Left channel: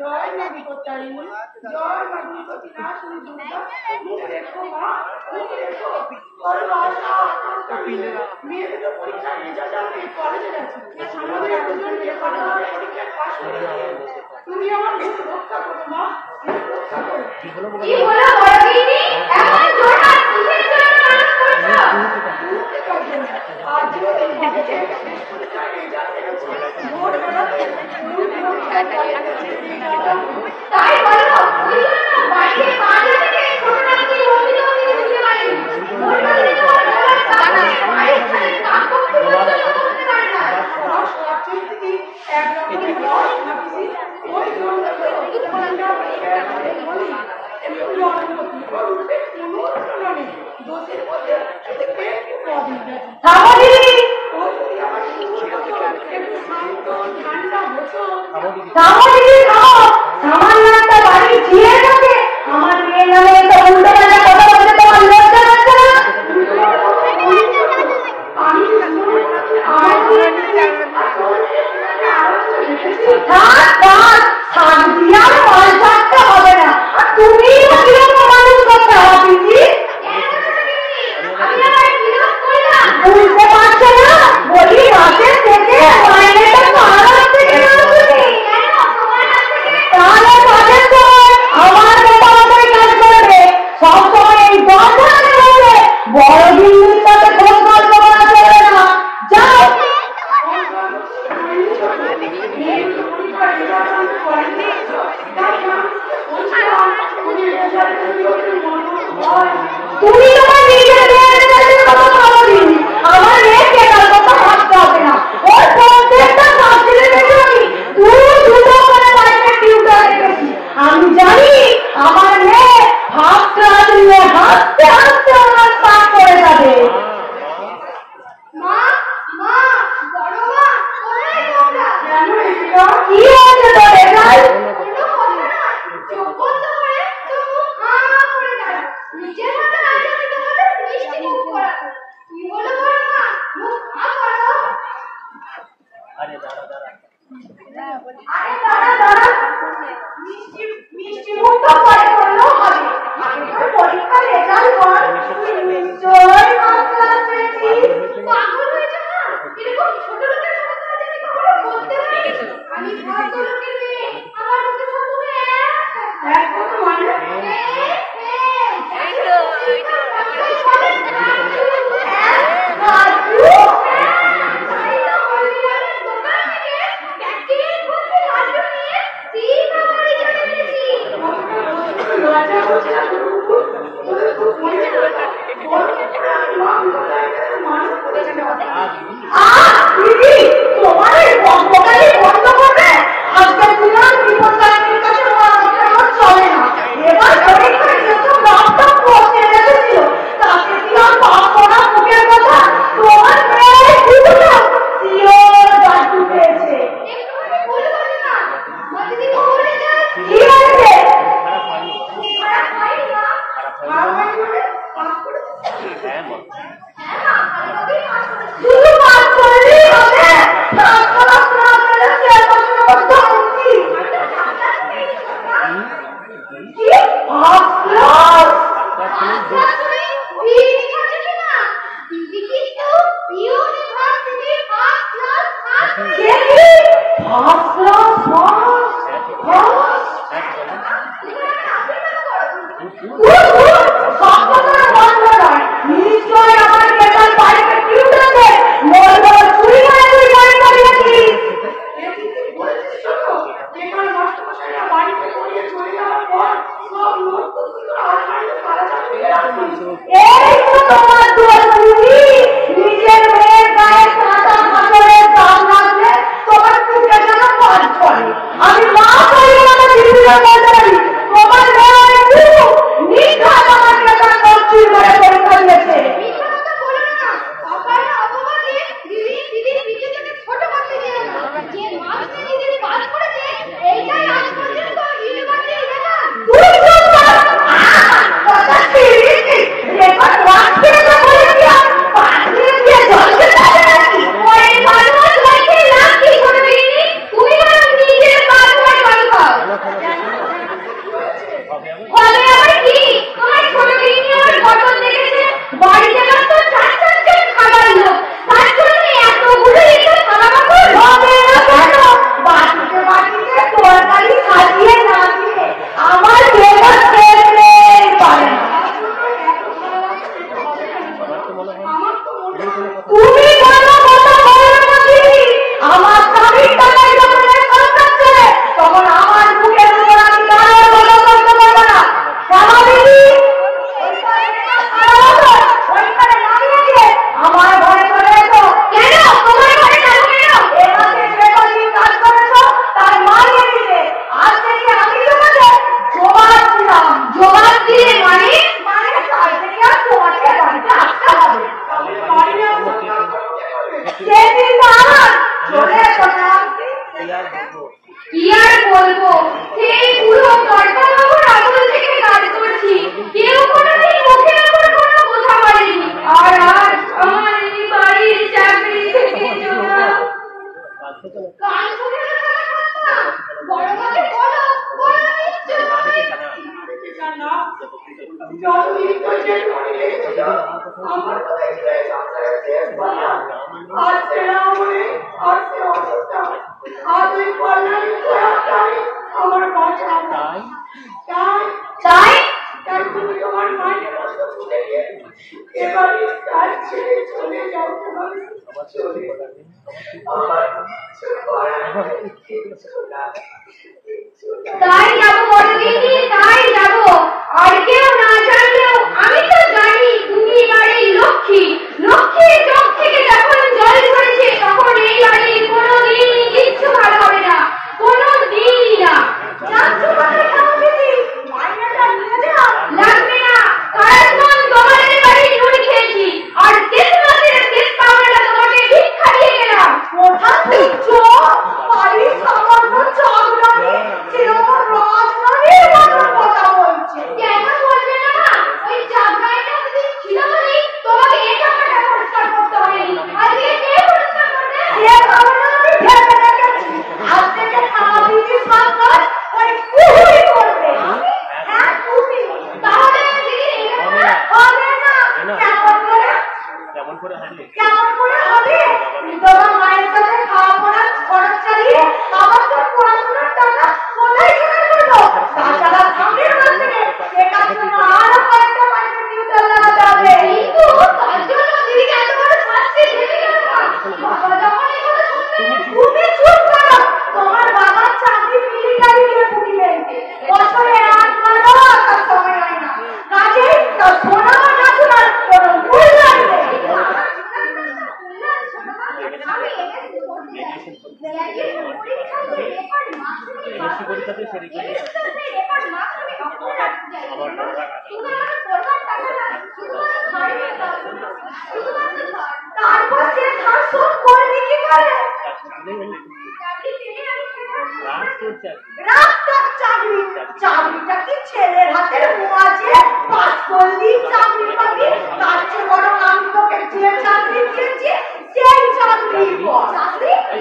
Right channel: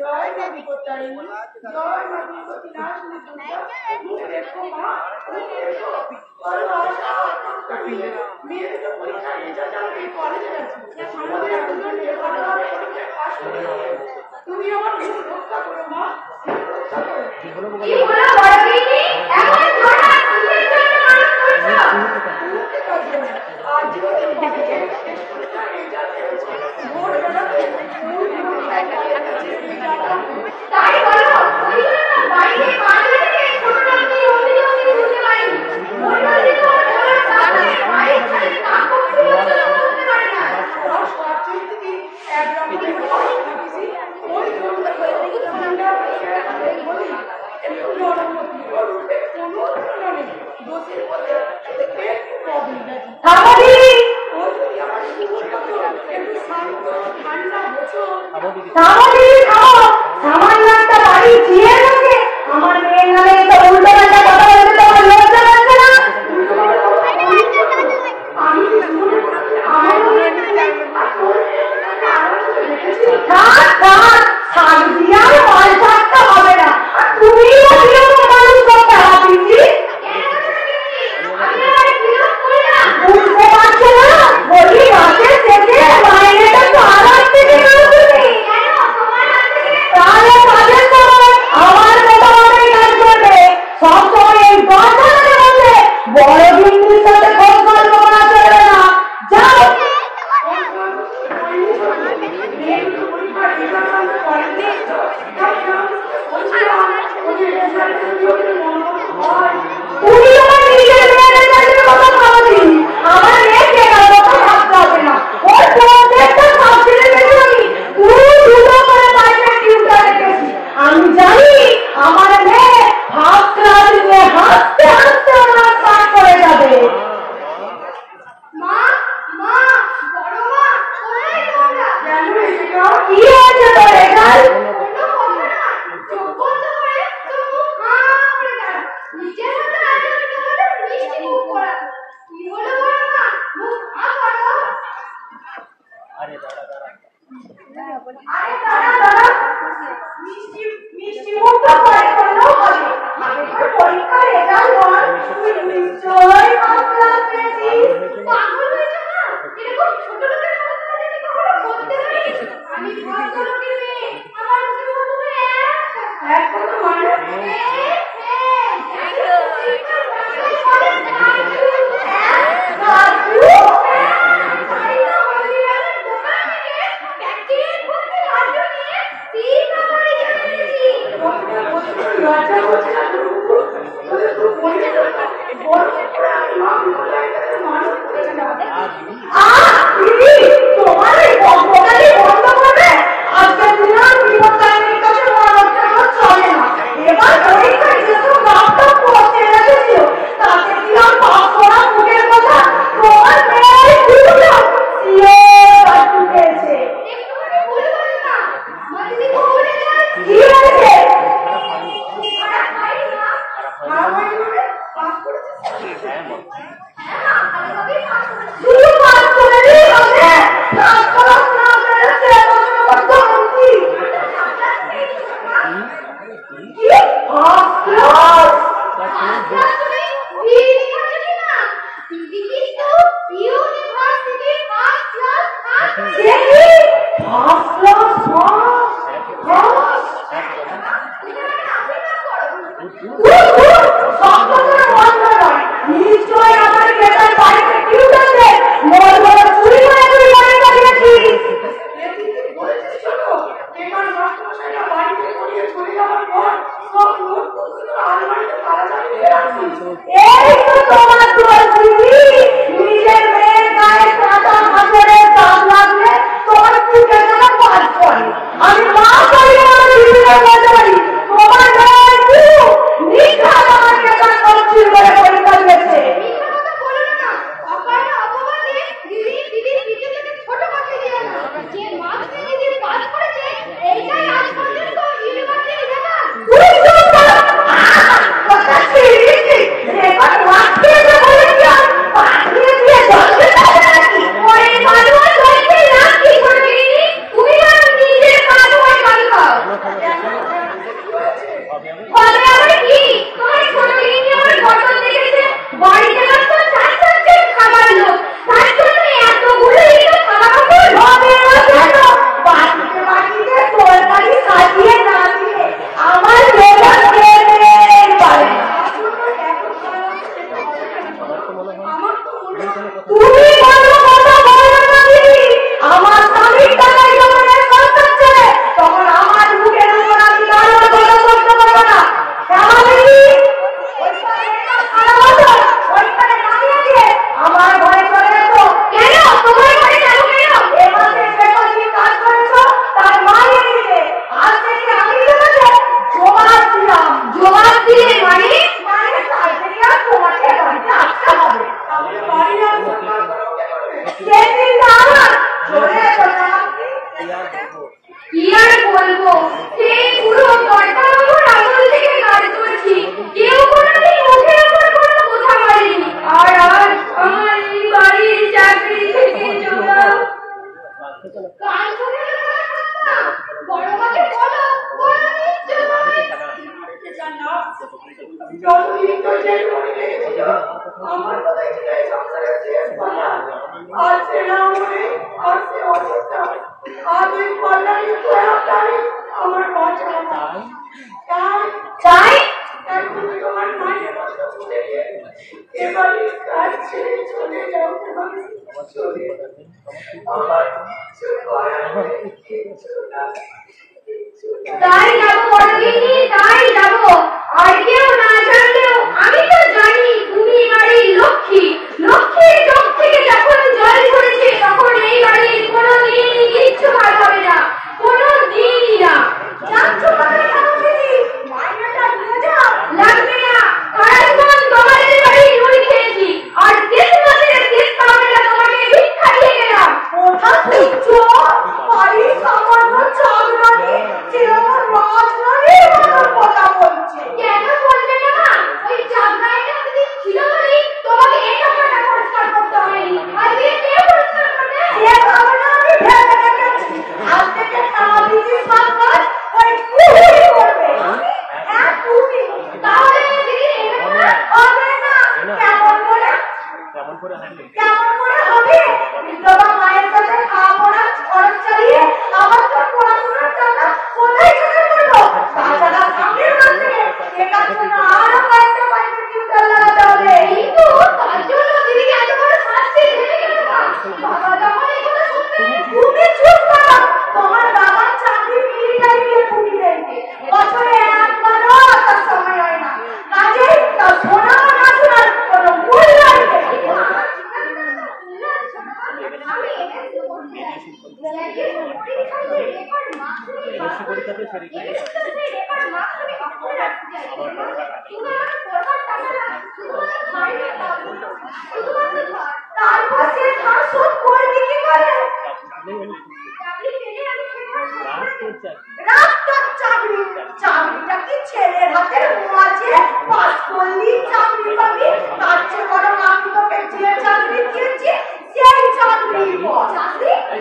জয় মা বিপত্তারিণী, জয় মা দুর্গতি নাশিনী দুর্গা, তুমি দেখো মা, তুমি দেখো বড় আশা আকাঙ্ক্ষী মেয়ে দুটো পরীক্ষার রেজাল্ট আমি কলেজে যাচ্ছি, আমাদের দুজন মেয়ে ভালোভাবে পরীক্ষায় পাস করে তুমি আমার মেয়েকে রক্ষা করো মা, রক্ষা করো। কি হলো বড় দিদি, এমন ধরনা কিসের জন্য মানুষ করছো? আজ যদি কলেজে শেষ পরীক্ষার রেজাল্ট এসেছে, ভোরবেলা স্কুল থেকে তাই বলো বাইরে মাঝে থেকে করোনা কি হতে বুঝতে পারিনি, করোনা তো আমার সামনে বাইরে কাকু করতে পারে না, আর সব চিন্তি একরকম নয় ভাবিছি ওই জন্য ঠান্ডা বলি একটু নরম হতে করতে কোনো তুলনা নেই, দোষের মধ্যে শুধু একটু প্রবলেম আছে তাহলে ও যদি আমার একটু শান্ত ঠান্ডা হতো তাহলে সামান্য একটা বাড়ি জিয়ে থাকে আমার মেয়ে নামে একটা উল্টো পাল্টা কথা বলতে তোমার লজ্জা লাগছে না? আমি শান্তিয়ার পাল্টাটা হবে না, তুমি বুঝতে পারছো না বলি মাসের শেষে মাইনেটা তোমার হাত থেকে তাহলে কাজের সময় আমার মেয়েটা আমাদের কাজ করবে, সব সময় এই দরজা রয়েছে বড় বিন্দুর সাথে ফোন গল্প করা চলবে না, যাও। তুমি তোমার নিজের মেয়েদের কাছে কথা ভাবো দিন, আমার মেয়েকে কথা ভাবতে হবে না, ওর প্রত্যেকটা সাবজেক্টে দেখি দুটো করে প্রাইভেট টিউটর রেখেছি, আমি জানি আমার মেয়ে ফার্স্ট ক্লাস নিয়ে হাসতে হাসতে আমার পাস করে যাবে। মা মা বড় মা কোথায় তোমরা? কেন এসেছো? কি হয়েছে তোর এখানে? চোখ বন্ধ করে তোর মুখ হাঁ করে দাঁড়া, নিজের মতো আজ আমি তোমাদের মিষ্টি মুখ করাবো। কি হলো বড় মা, মুখ হাঁ করো। আরে দাঁড়া মিষ্টি মিষ্টি মুখ তো পরে করলেও হবে, আগে তোর পরীক্ষার রেজাল্ট বল, তুই নিশ্চয়ই ফার্স্ট ক্লাস পেয়েছিস। পাগল হয়েছে না, এরকম ছোট লোকের কথা আমি কখনো বলতে পারিনি, আমি ভদ্র লোকের মেয়ে, আমার মুখে বলবো এক কথা মানে নিশ্চয় আমার কেতার পাইপের টিউটারদের মোর বড় চুরি হয়েছে তুমি কোনো কথা বলো না দিদি। আমার স্বামীর টাকায় যখন এর সংসার চলে, তখন আমার মুখের উপর আমি গালের বলে করতে পারবো না। কেন দিদি? ওইখানে নামিয়ে দিয়ে আমার ঘরে চলে এসো। কেন? তোমার ঘরে যাবো কেন? এ মাসে যে কদিন কাজ করেছো তার মানিয়ে দিতে। আজ থেকে আমি তোমাকে জবাব দিলাম। জবাব দিলে মানে কাল থেকে আর তোমাকে বাড়িতে আসতে হবে। সেদিন না আমার চলে এসো না। কি আর বলবো, সেই পুরো কর্তাবাবুর আমল থেকে কাজ করছি। কেউ কোনোদিন মুখের উপর কোনো কথা বলেনি। আর আজ আমার এই বাড়ির চাকরি থেকে জবাব। কান খুলে না বড় মাকে বলো, বড় মিথ্যে মারতে চান না। যতদিন তো যে করে রেখেছিল আমার কথা ছিল সংসারে শেষ বলা। আজ সেরা মনে আর সে অসুস্থা। আজ ওই কল্যাণী প্রয়াসটাই আমার বাঁচা। তাই তুমি তোমার মায়ের কথা ভুলে গিয়ে এবারে কাজ ছেড়ে চলে যাবে। তাই যাবো বড়দিদি, তাই যাবো। আর কেউ না জানলেও আমি তো জানি তুমি বাড়ির লক্ষ্মী। লক্ষ্মীর চোখ থেকে যখন জল ঝরেছে তখন এই বাড়ির কোনো দিনই কিচ্ছু ভালো হবে না, কোনো দিনই না। যাচ্ছ মানে যাবো দিদি, মাইনাটা নিয়ে যাও। লাগবে না, কারণ তোমাদের বাড়ির রুই খেয়েছি। আর ক্রিসমাসের শেষ পাওয়াটা তোমাকে ভিক্ষা দিয়ে গেলাম। কোথা দিচ্ছ? বাড়ির সামান্য চাকরানি সে আমার রাজরানীর মতো কথা বলছে। কেন বলবে না মা? ওই চাকরানিটা যদি ছিল বলেই তোমাকে এই টাকাটা পরিষ্কার করতে হয়নি। আজকে কে পরিষ্কার করবে? কে ভাবনা আমি ভেবে রেখেছি। আজ থেকে সারা দিদি সব কাজ ওই কুহুই করবে। হ্যাঁ তুমি। তাহলে দিদি হবে না। কেমন করে? কেমন করে হবে? কেমন করে হবে? বিধবা মায়ের কাছে খাওয়া পড়া খরচ চালিয়ে আমার তো পড়াশোনার টাকা কোথায় জোগাড় করলো? তাছাড়া সামনের মাস থেকে দেখাশোনা আরো কয়েকটা প্রাইভেট টিউটর লাগাতে হবে। কিন্তু তার জন্য দিদি এত বড় শাস্তি দিতে গেল না। বাবা যখন এই কথা শুনতে তুমি চুপ করো। তোমার বাবার চাকরি মিলিটারি ডিপার্টমেন্টে, বছরে একবারও তার সময় হয় না। কাজে তার সোনা কাটা শোনার কোনো মূল্য নেই। পরীক্ষাতে তারপর সে ধার শোধ করবে কি করে? চাকরিটা কি ছেলের হাতের মোয়াজে? পাস করলি চাকরি পাবি? তার চেয়ে বড় আমি তোকে যে চাকরি দিয়েছি সেই চাকরি।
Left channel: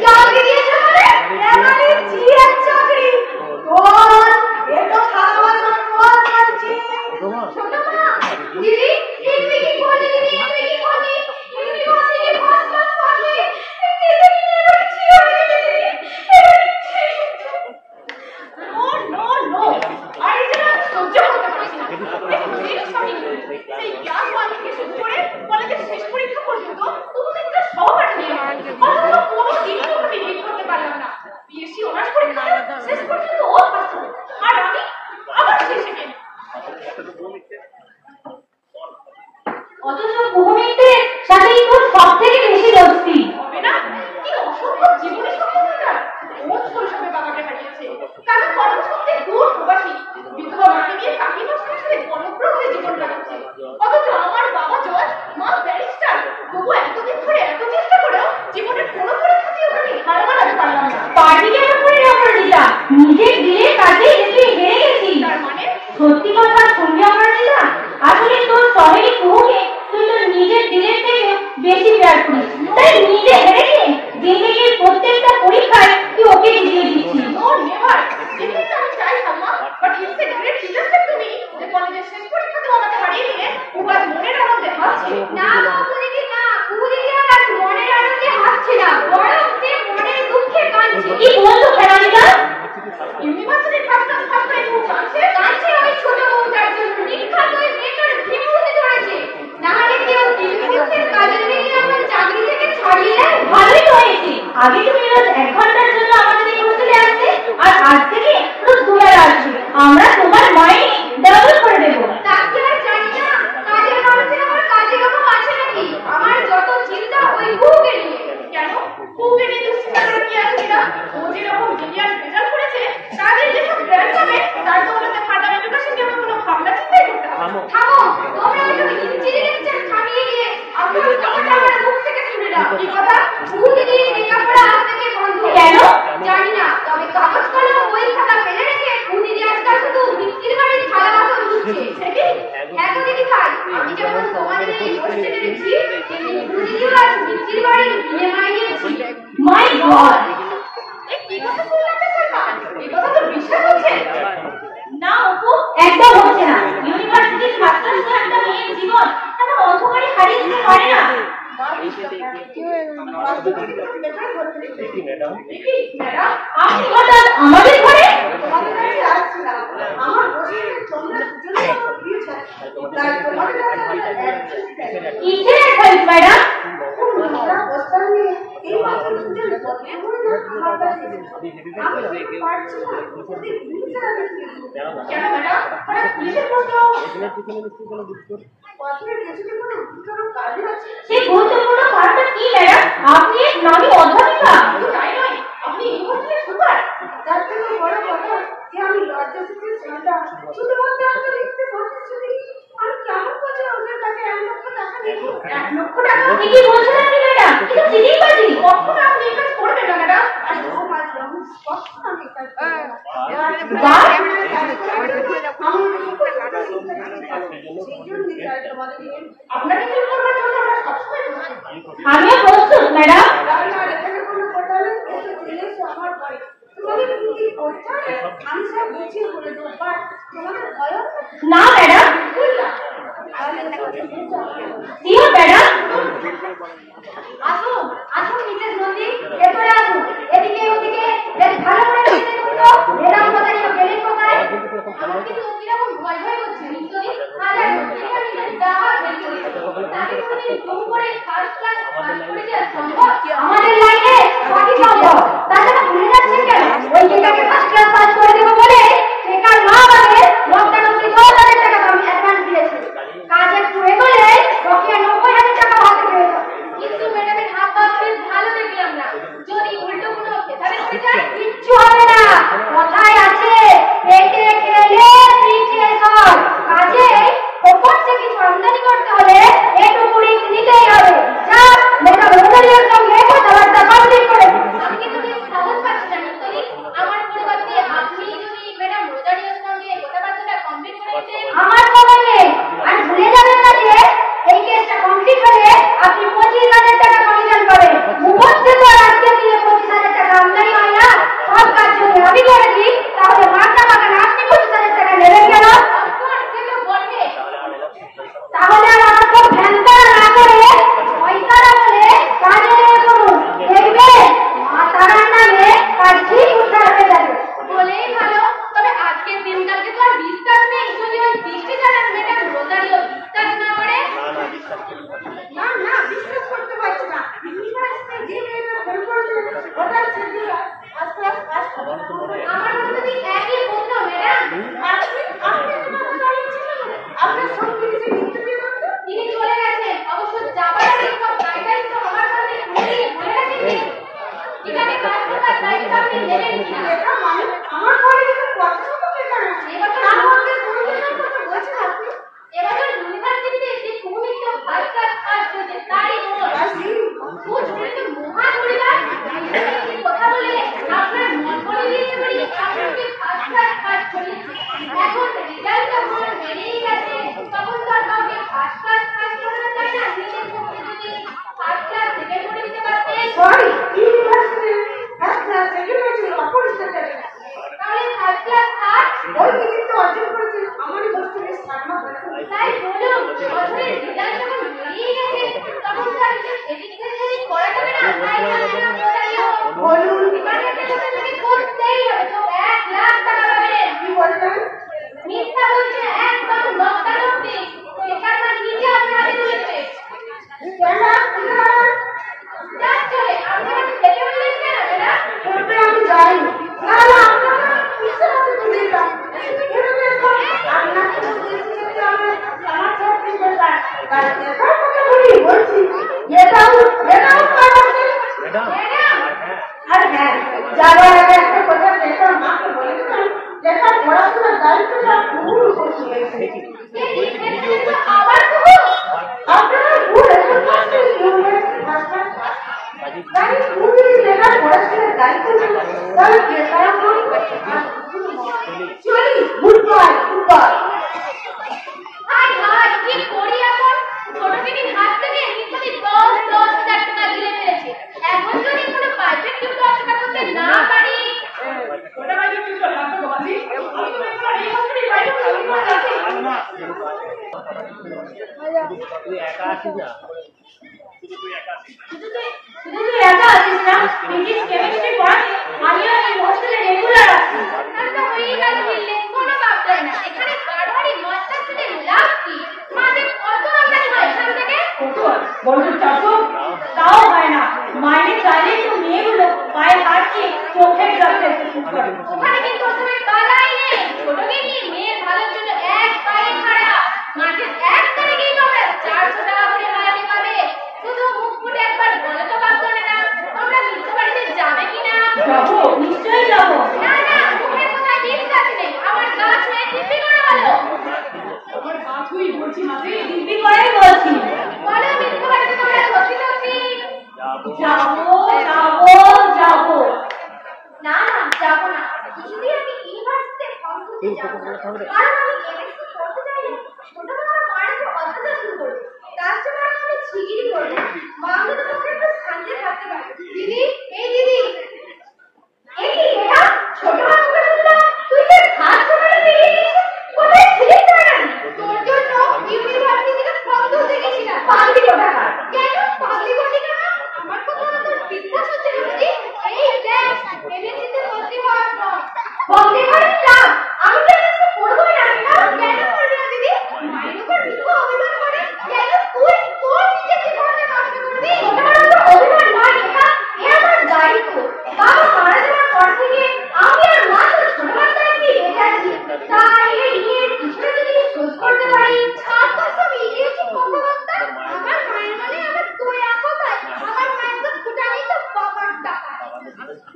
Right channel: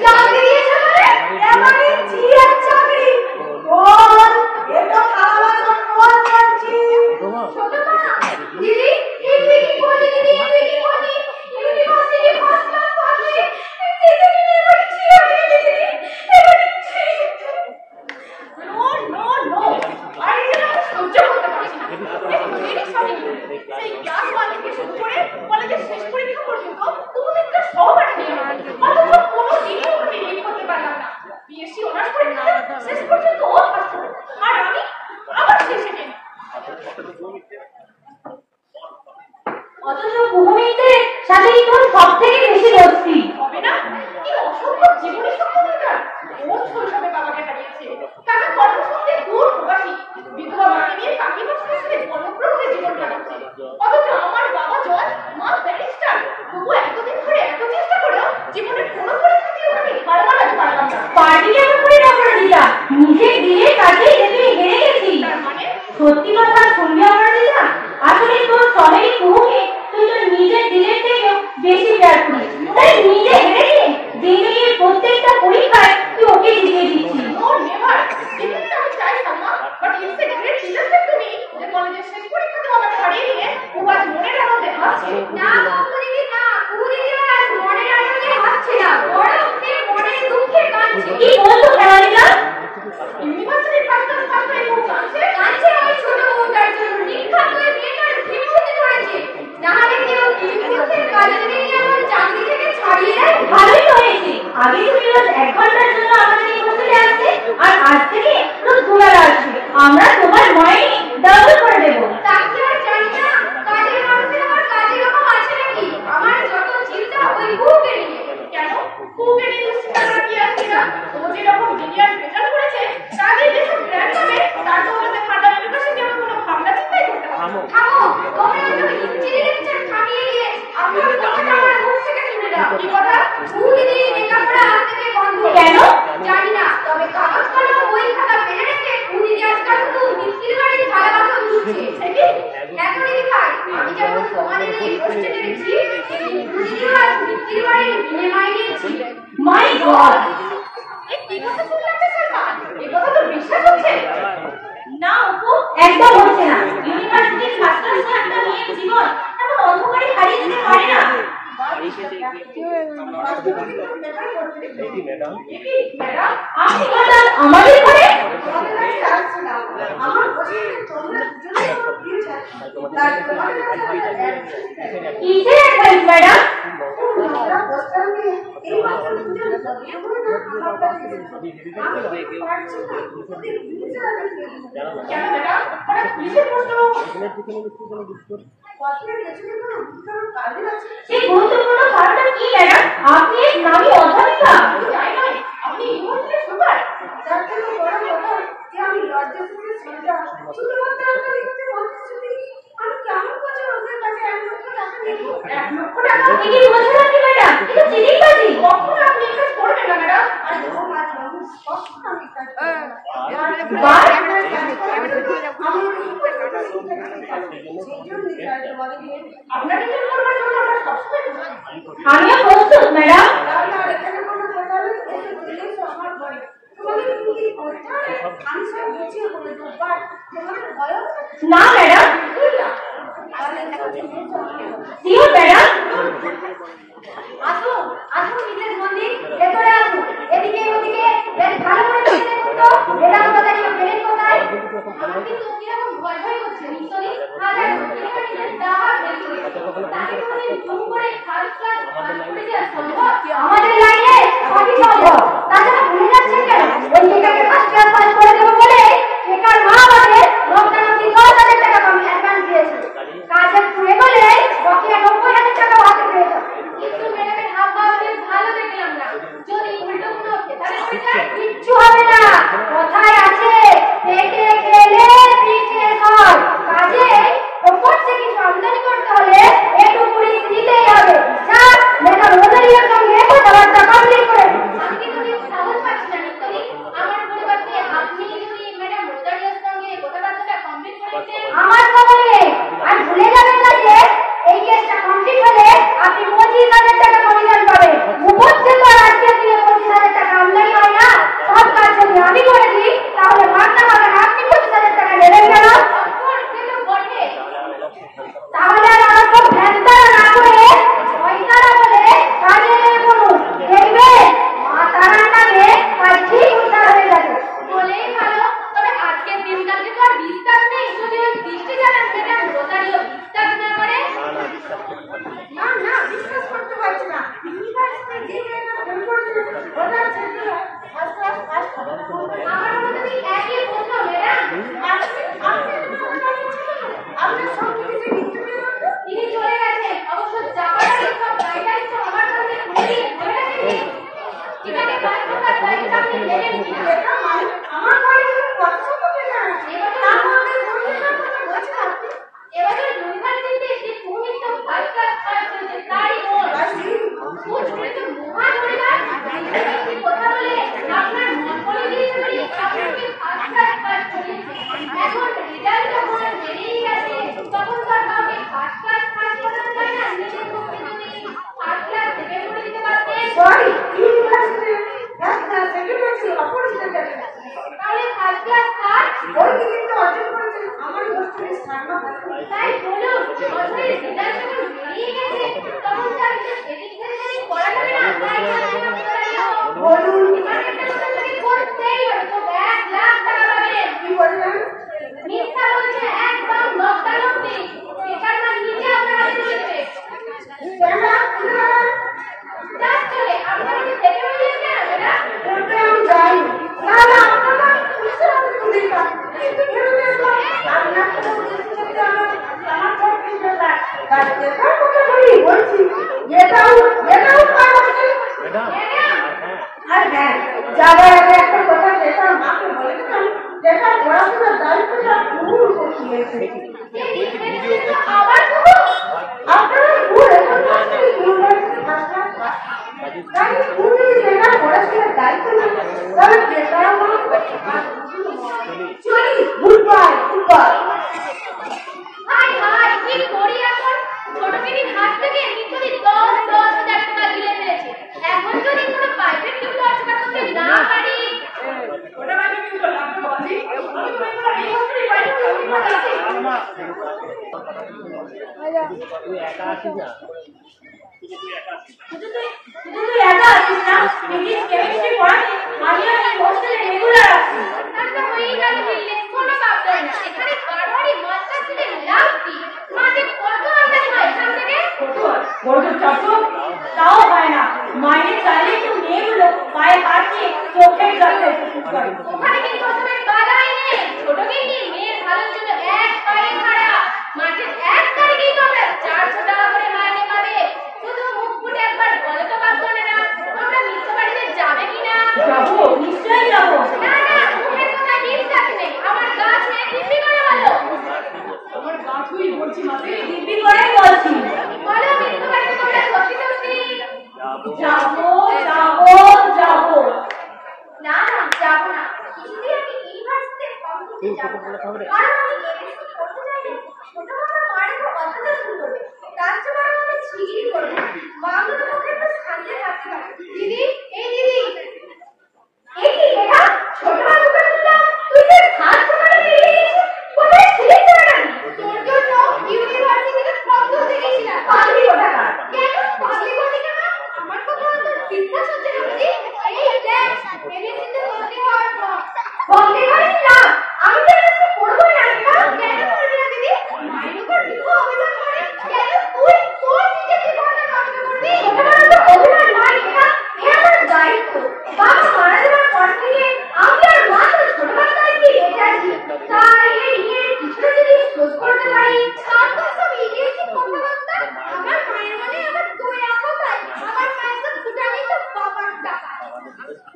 চাকরি দিয়েছে মানে এবারে জিয়ের চাকরি। বল এটা সারা বছর বল করছি। ছোট মা দিদি তুমি কি করলি? দিদি তুমি কি করলি? ইউনিভার্সিটি ফার্স্ট ক্লাস পাবি? দিদি এবার জিয়ে দিদি এবার নো আরে যেন আমি সহ্য করতে পারছি না। সেই ক্লাস 1 থেকে শুরু করে কলেজের শেষ পরীক্ষা পর্যন্ত তুমি একটা সহপাঠী নিয়ে অথচ কোনো দিনই ওকে লিড করতে পারলাম না। বিএসসি অনার্স পরীক্ষা শেষ পর্যন্ত ও ফার্স্ট আর আমি আবার শেষ সেকেন্ড। অথচ ভূমিতে সাথে তোর সব থেকে বেশি দস্তি হবে না? কি অসম্ভব জীবনের সফলতা! ও শৈশবে বাবাকে হারিয়েছে, কারণ কলেজ থেকে দূর প্রবাসী, বিধবা মাকে নিয়ে কাকিমা সংসারে বনপ্রভে জীবন কাটাচ্ছে। অথচ আমার বাবা জজ, মা ব্যারিস্টার, তবু এতদিন ধরে এত চেষ্টা করেও জীবনের কোনো পরিস্থিতি ওকে হার মানাতে পারলাম না। পার্টির ব্যাপারে আমার লীলা নিজে গিয়ে কাজে যেতে হেরে গেছি। তার মানে সত্যি কথা শুনলে আমার লীলা আসলে তোর সবাই মুখে তুই তোর নিজের দিলের থেকেও বেশি প্যার করিস, তাই নিজে হেরে গে আগে তুমি রোজ 1 ঘন্টার জন্য আমাদের এই হোস্টেলে আসতে, আর আজ থেকে রোজ 2 বেলা আসবে। আমরা তোমার মাইনে ডাবল করে দেবো। তাকে আর জানি না, কাজের মানুষের আমার কাজের রকম আছে নাকি? আমার যত চিন্তা ওই কুকে নিয়ে। কেন কুকে নিয়ে তুমি চিন্তা করে কি আসছে না? ও যেরকম বিলিয়ন রেজাল্ট করেছে, তাদের যেসব জ্ঞান পাবে, তার তো ওনাদের ফার্দার এডুকেশন নিয়ে কোনো ভাবনা চিন্তাই করতে হবে। থামো, তোমরা যদি ইঞ্জিনিয়ারিং থামিয়ে দিয়ে আমার কথাটা আমার মুখ থেকে শুনে নাও। কি কথা? মুখে দিয়ে মেকআপটা আজ থেকে বন্ধ। কেন জানি না, তবে কাগজ কলম বই খাতা ফেলে রেখে উনি যে আজকাল শুধু মিস্ত্রির বাড়ির থালা বাসন ধুচ্ছে। হ্যাঁ তো দিদি ভাই, আমি যখন তোমাদের এই হোস্টেলে রেখেছি, তেমনি দিদিও আজ মিস্ত্রির বাড়ির বিয়ে মাইনেছি। মাই গড, কি কথা শুনলাম স্যার? এই কথা তো বিশ্বাস হচ্ছে না অপু, একদম হচ্ছে না। ইউনিভার্সিটির ছাত্র ছাত্রীরা নিয়ে জীবন এমন অন্ধকারে হারিয়ে দিতে পারে না। আপনি হঠাৎ আমাদের ঘরে? কিসের অ্যাডভাইস ম্যাডাম? কেন ম্যাডাম, হঠাৎ কিসের প্রশ্ন? সেই গুরুত্বপূর্ণ কাজটা কি ম্যাডাম? আপনি এক নামী অধ্যাপিকা। তাই নয়, আপনি ইমোশনাল সুপার। তার থেকে বড় কথা যে আমি লজ্জা থেকে চিন্তা শুধুমাত্র আমাকে লিখতে বলতেছি। আমি কেমন করে ওদের কাছে 1 লক্ষ টাকা নেব? 1 লক্ষ টাকা কি বলছেন আপনি ম্যাডাম? এটা চিটিংবাজি। কখন আপনি এটা করবেন না ম্যাডাম? আমি ও মাত্র স্পষ্ট আমি কাজ করব। আমিও প্রস্তুত ম্যাডাম। এখানে কোনো কথা নেই, আমার ঘরে তোমাদের কি করতে হবে আমি সব বুঝিয়ে বলে দেবো। বাট তোমাদের ভয় হচ্ছে না ম্যাডাম, শিওর ম্যাডাম। আসুন আসুন মিসেস নন্দী, ভেতরে আসুন। এদিকে ওদিকে বেশ ভালো করে দেখে দেখুন তো ম্যাডাম কোথায়, পেলেন কোথায়? আমার কিন্তু কিরকম ভয় ভয় হচ্ছে নিশ্চয়ই। আর এখানে দাবার ভেতরে তাকে বলে জুম করে ফার্স্ট ক্লাস পাস করে যাওয়া সম্ভব? আমাদের লাইনে সবই সম্ভব। তাছাড়া ভুলে যাচ্ছেন কেন? ওই মেয়েটাকে ফার্স্ট ক্লাস পাস করে দেবো বলে বেকার মা আমাদের 10,000 টাকা অ্যাডভান্স দিয়েছে। কাজ একটু এগোলে বকেয়া 90,000 টাকা হাতে পেয়েছে। কিন্তু ম্যাডামের হাত পা বেশ ভালো দেখলাম না। যদি উল্টো কোনো খেতাবে পড়ে যায় কিচ্ছু হবে না। কথায় আছে পেটে খেলে পিঠে চল। কাজে ওপর থেকে কিছু আমদানি করতে হলে একটু করে নিতেই হবে। যা ম্যাডাম রোজারিয়ার সঙ্গে কথাবার্তা কমপ্লিট করে দিন। আমি কিন্তু বেশ সাহস পাচ্ছি না নিশ্চয়ই। আমার পরিবর্তে আপনি যদি ম্যাডাম রোজারিয়ার সঙ্গে কথাবার্তাটা কমপ্লিট করে দিতেন। আমার খবর নেই। আর ভুলে যাবেন না যে এই কেসটা কমপ্লিট হলে আপনি 25,000 টাকা কমিশন পাবেন। মুখস্থিত আর আজকে দিয়ে 25,000 টাকা আমদানি হয় না। সব কাজ যদি আমি করে দিই তাহলে মাথা বাগান আপনি 25,000 টাকা নেবেন কেন? তাহলে আর আমার সব ভ্যানতারা না করে পয়সারা বলে কাজে লেগে পড়ুন। দেখবেন মা তারার নামে কাজ ঠিক উদ্ধার হয়ে যাবে। বলেই ভালো। তবে আজকের দিনকালকে তো আর বিশ্বাস নেই। যদি ওই দিকে জানান ম্যাডাম রোজারিও বিশ্বাস না করে। না বিশ্বাস করতে পারছি না। ইউনিভার্সিটির যে মেয়েটা ফোন করেছে ওটার ছেলে ফার্স্ট ক্লাস পাস হবে। আমার মনে একই প্রশ্ন ম্যাডাম। আপনার সব কিছু লিখতে দিয়ে বলতো তিনি চলে গেছেন। অবশ্য যাবার আগে সব গাইডলাইন তো আমার কাছে উনি বলে রাখেননি। যেখানে কাজ করার দায়িত্ব আপনি নেবেন কিনা? এটা মানে আমার কলেজে কত টাকা আছে? এবার তার মধ্যে পরিষ্কার কথা বলছেন আপনি। এবার ইউনিভার্সিটিতে যে কুমিত ফার্স্ট ক্লাস পাস হয়েছে তারই কোচ হয়েছে মহান পরিবার। কথা বলে আপনার মন করে দিয়েছে বলে আপনাকে ফার্স্ট ক্লাস পাস করেছে। এখন রেজাল্ট যখন বেরিয়ে গেছে তখন তো আর কাউকে ফার্স্ট ক্লাস পাস করানো যায় না। নিজের পক্ষে যদি ফার্স্ট ক্লাস সেকেন্ড করে দিতে পারতেন। Sorry, university first class second হয়েছিল অপরিচিত। তাহলে ফার্স্ট ক্লাস আর ওই টিকিটটা অর্জন করেছে আমারই হোস্টেলের সারমা ভালো। তাই বলুন বছরের রেজাল্ট যখন বেরিয়ে গেছে তখন তার এডুকেশন করা যাবে না। বলুন ইউনিভার্সিটি করতেই হবে তো 1 লাখ টাকা পাবেন। কি বললেন? মিথ্যা বলছে একদম লজ্জাজনক। এটার নাম নিজে আপনার হাতে তুলেছে। কেন? যাচ্ছে আপনার থেকে বলে বলছি ভিডিও করছি। আবার শুনো, আপনারা ভুল হায় হায়, কি করি এখন? ছোটকিনির হাত থেকে নিত্যদিন 10,000 টাকা গিলে ফেলেছে। এখন যদি কোনো প্রাইভেট টিউটর জোগাড় করতে না পারি, ওটা প্রাইভেট টিউটর লাগবে তো বাজি। আমি তো এবার এই বছরই প্রাইভেট টিউটর আছি। তুই একা আছিস না? শুধু তুই একা আছিস না? ফিজিক্স কেমিস্ট্রি পড়াতে আমিও এই হোস্টেলে রেগুলার আছি। তার তো হয়েই গেল বিল্ডিং, কোনো বাপ ধরে না। এখানে বারবারই মস্তান থেকে লাভ কি? মাঝে কত আমদানি হয় এখান থেকে? বড় চাষো তাও হয় না। মাইনে চাইলে একটু মেয়েগুলো পায়ে পাচ্ছে চোখের কাছে। ওখানে কিন্তু ওসবের বালাই নেই। ছোটকিনি মেয়ের ভালোর জন্য এক পায়ে খাড়া। মাসের 1 তারিখেই তোমরা 400 টাকা করে মাইনে পাবে। শুধু মুখ ফুটে একবার বলো তো বাপ ধরে না, তোমরা মিত্র বাড়িতে যাবে কিনা? যাবো, নিশ্চয়ই যাবো। না না, মুখের কথায় বিশ্বাস নেই। আমার গা ছুঁয়ে দিব্যি করে বলো। আমার গা ছুঁই বলছি মাঝে দিব্যি করেই বলছি। বলো মিত্র বাড়িতে তোমরা সত্যি সত্যি? যাবো যাবো যাবো। না না, যাবো না। কিছুদিন আমি ইউনিভার্সিটিতে ফর্ম দিতে যাবো না। কারণ আমি এমএসসি করতে চাইলে ছোট মামার মায়ের উপর অত্যাচার শুরু করবে। তার চেয়ে বরং আমি ছিগিরি করবো। মা অন্তত পক্ষে একটু শান্তিতে থাকতে পারে। দিদি, এই দিদি, এই কি এটা? ছোট মামার মুখে শুনলাম তুই তোর হাত ছোটাতে পেরেছিস। কোথায় ছিলিস না? তোর জন্য ইউনিভার্সিটিতে ফর্ম তুলতে গেছিলাম। পাগলি কোথাকার। কেন পাগলি বললি কেন? আমার কথা তোর বিশ্বাস হচ্ছে না বুঝি? এই দেখ, এমএসসিতে ভর্তি হওয়ার পর ভর্তি হয়নি না। আমি তো এমএসসি করবোই না। কেন করবি না দিদি? মায়ের উপর মিথ্যা অভিযোগ করে কেন তুই তোর নিজের জীবনটা নষ্ট করবি? এটা তো অভিমান নয়, এটা আমার দায়িত্ব। বাবা মারা যাওয়ার পর থেকে আমি আর মা তো ছোট বাচ্চাই কি বেঁচে আছি। তাই এই নিয়ে কিছুটা যদি শোধ করতে পারি। ছাত্র সব ইংরেজি কথাবার্তা। আমার মায়ের মানে আবার তুই এখন তাই। আমার মায়ের তো ফুটানি তো বাবার টাকা।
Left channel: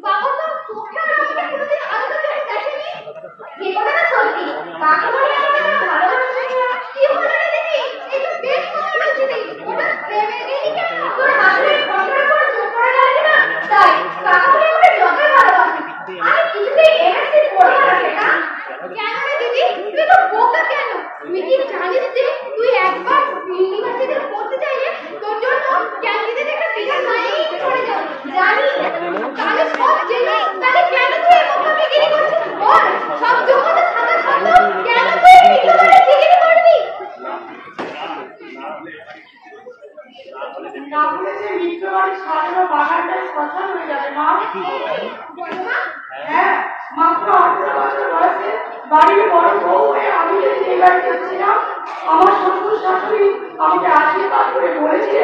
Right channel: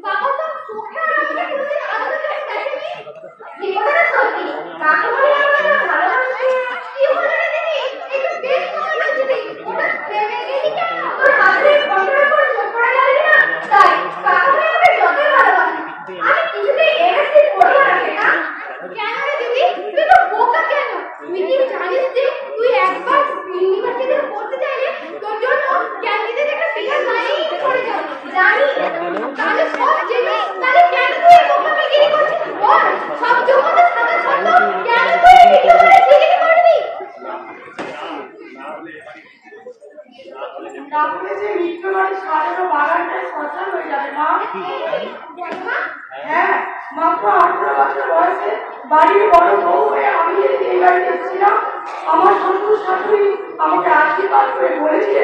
বাবা তো চোখে আমাকে কোনোদিন আলাদা করে দেখেনি। এই কথাটা সত্যি। কাকা বলে আমাকে ভালোবাসে। কি হলো রে দিদি? এই তো বেশ সময় হয়েছিলি। ওটা প্রেমে গেলি কেন? তোর হাতের পকেটের উপর চোখ পড়ে গেল না? তাই কাকা বলে আমাকে যতই ভালোবাসে। আমি কিছুতেই এমএসসি করবো না সেটা। কেন রে দিদি? তুই তো বোকা কেন? তুই কি জানিস যে তুই একবার ইউনিভার্সিটিতে পড়তে চাইলে তোর জন্য ক্যান্ডিডেট একটা বিরাট লাইন করে যাবে। জানি তাহলে সব জেনে তাহলে কেন তুই এই বোকাকে গিরি করছিস? বল, সব যোগ্যতা থাকা সত্ত্বেও কেন তুই এই বোকাকে গিরি করবি? তাহলে যে মিত্র বাড়ির সাজানো বাগানটাই শ্মশান হয়ে যাবে মা। বল মা। হ্যাঁ, মাত্র 18 বছর বয়সে বাড়ির বড় বউ হয়ে আমি যেদিন এই বাড়িতে এসেছিলাম, আমার শ্বশুর শাশুড়ি আমাকে আশীর্বাদ করে বলেছে,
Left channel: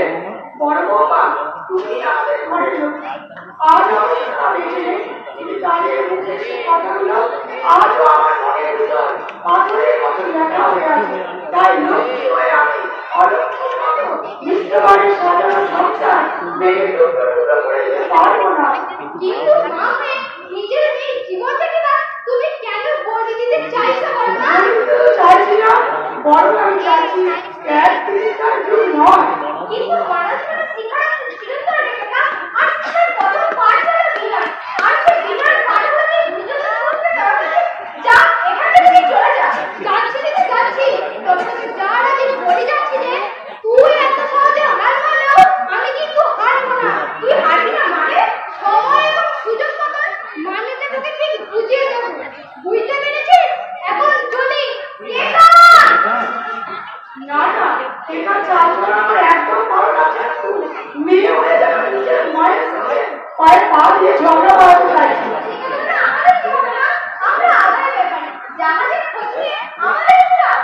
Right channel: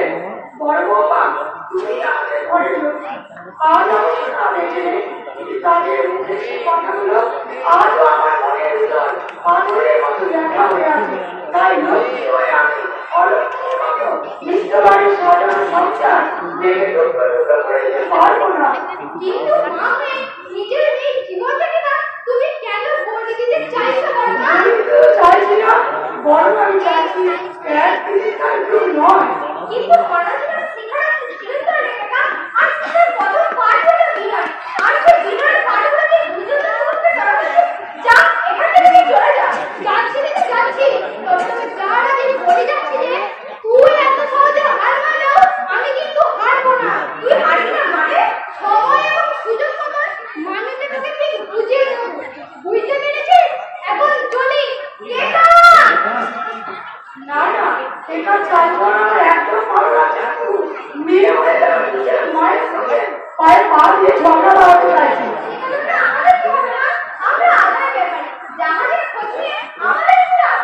বড় বৌমা তুমি আমাদের ঘরের লক্ষ্মী। আজ অবশ্য তা বেঁচে নেই, কিন্তু তাদের মুখে সেই কথাগুলো আজও আমার মনের ভিতর পাথরের মতো লেখা হয়ে আছে। তাই লক্ষ্মী হয়ে আমি অলক্ষ্মীর মতো মিত্র বাড়ির সাজানো সংসার ভেঙে টুকরো টুকরো করে দিতে পারবো না। কিন্তু মা হয়ে নিজের এই জীবনটাকে না তুমি কেন বদলে দিতে চাইছো বলো না? আমি তো চাইছি না, বরং আমি চাইছি এক দিদিকার দুই নয়। কিন্তু পড়াশোনা শেখার ছিল তো রেখা। আর সেটা কত পার করে বিমান। আর সে বিমান পার হতে বুঝে তো সমস্ত দরকার। যা, এখান থেকে তুই চলে যা। যাচ্ছি রে যাচ্ছি। তবে তোকে যার আগে বলে যাচ্ছি রে, তুই এত সহজে হার মানাও আমি কিন্তু হারবো না। তুই হারবি না মানে সময় এবং সুযোগ মতন মানেটা তোকে ঠিক বুঝিয়ে দেবো। বুঝতে পেরেছিস? এখন চলি। না না, এটা চাইবো না, আমার একদম ভালো লাগছে না। মেয়ে হয়ে গেলে আমি নিজের মায়ের সঙ্গে পায়ে পা দিয়ে ঝগড়া বাড়াতে চাইছি। আমাদের খোঁজ না, আমরা আদায় ব্যাপারে জাহাজের খোঁজ নিয়ে আমাদের লাভ।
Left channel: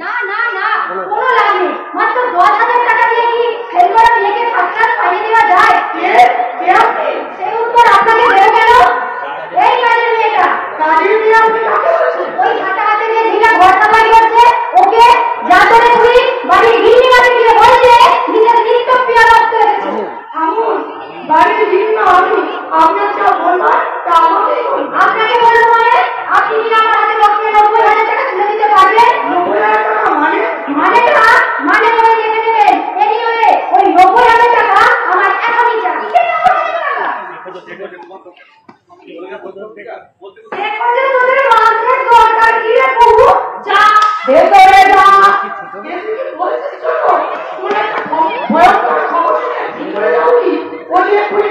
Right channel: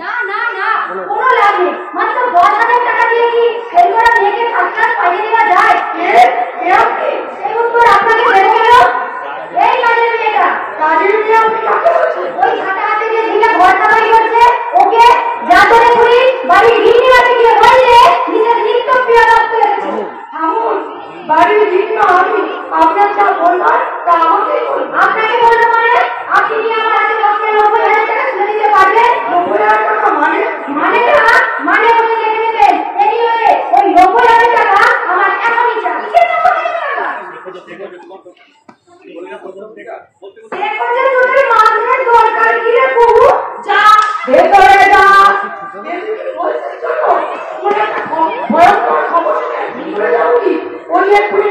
না না না, কোনো লাভ নেই। মাত্র 10,000 টাকা দিয়ে কি ফেল করা মেয়েকে ফার্স্ট ক্লাস পাঠিয়ে দেওয়া যায়? সেই উত্তর আপনাকে দেবে কেন? এই কাজের মেয়েটা। কাজের মেয়ে আপনি কাকে বলছেন? ওই ছাতা হাতে দিয়ে দিনা ঘর সাফাই করছে, ওকে যা করে তুই বাড়ির গিন্নি কাছে গিয়ে বললে নিজের নিত্য প্রিয় রাখতে। বাড়ির গিন্নি আমি আপনার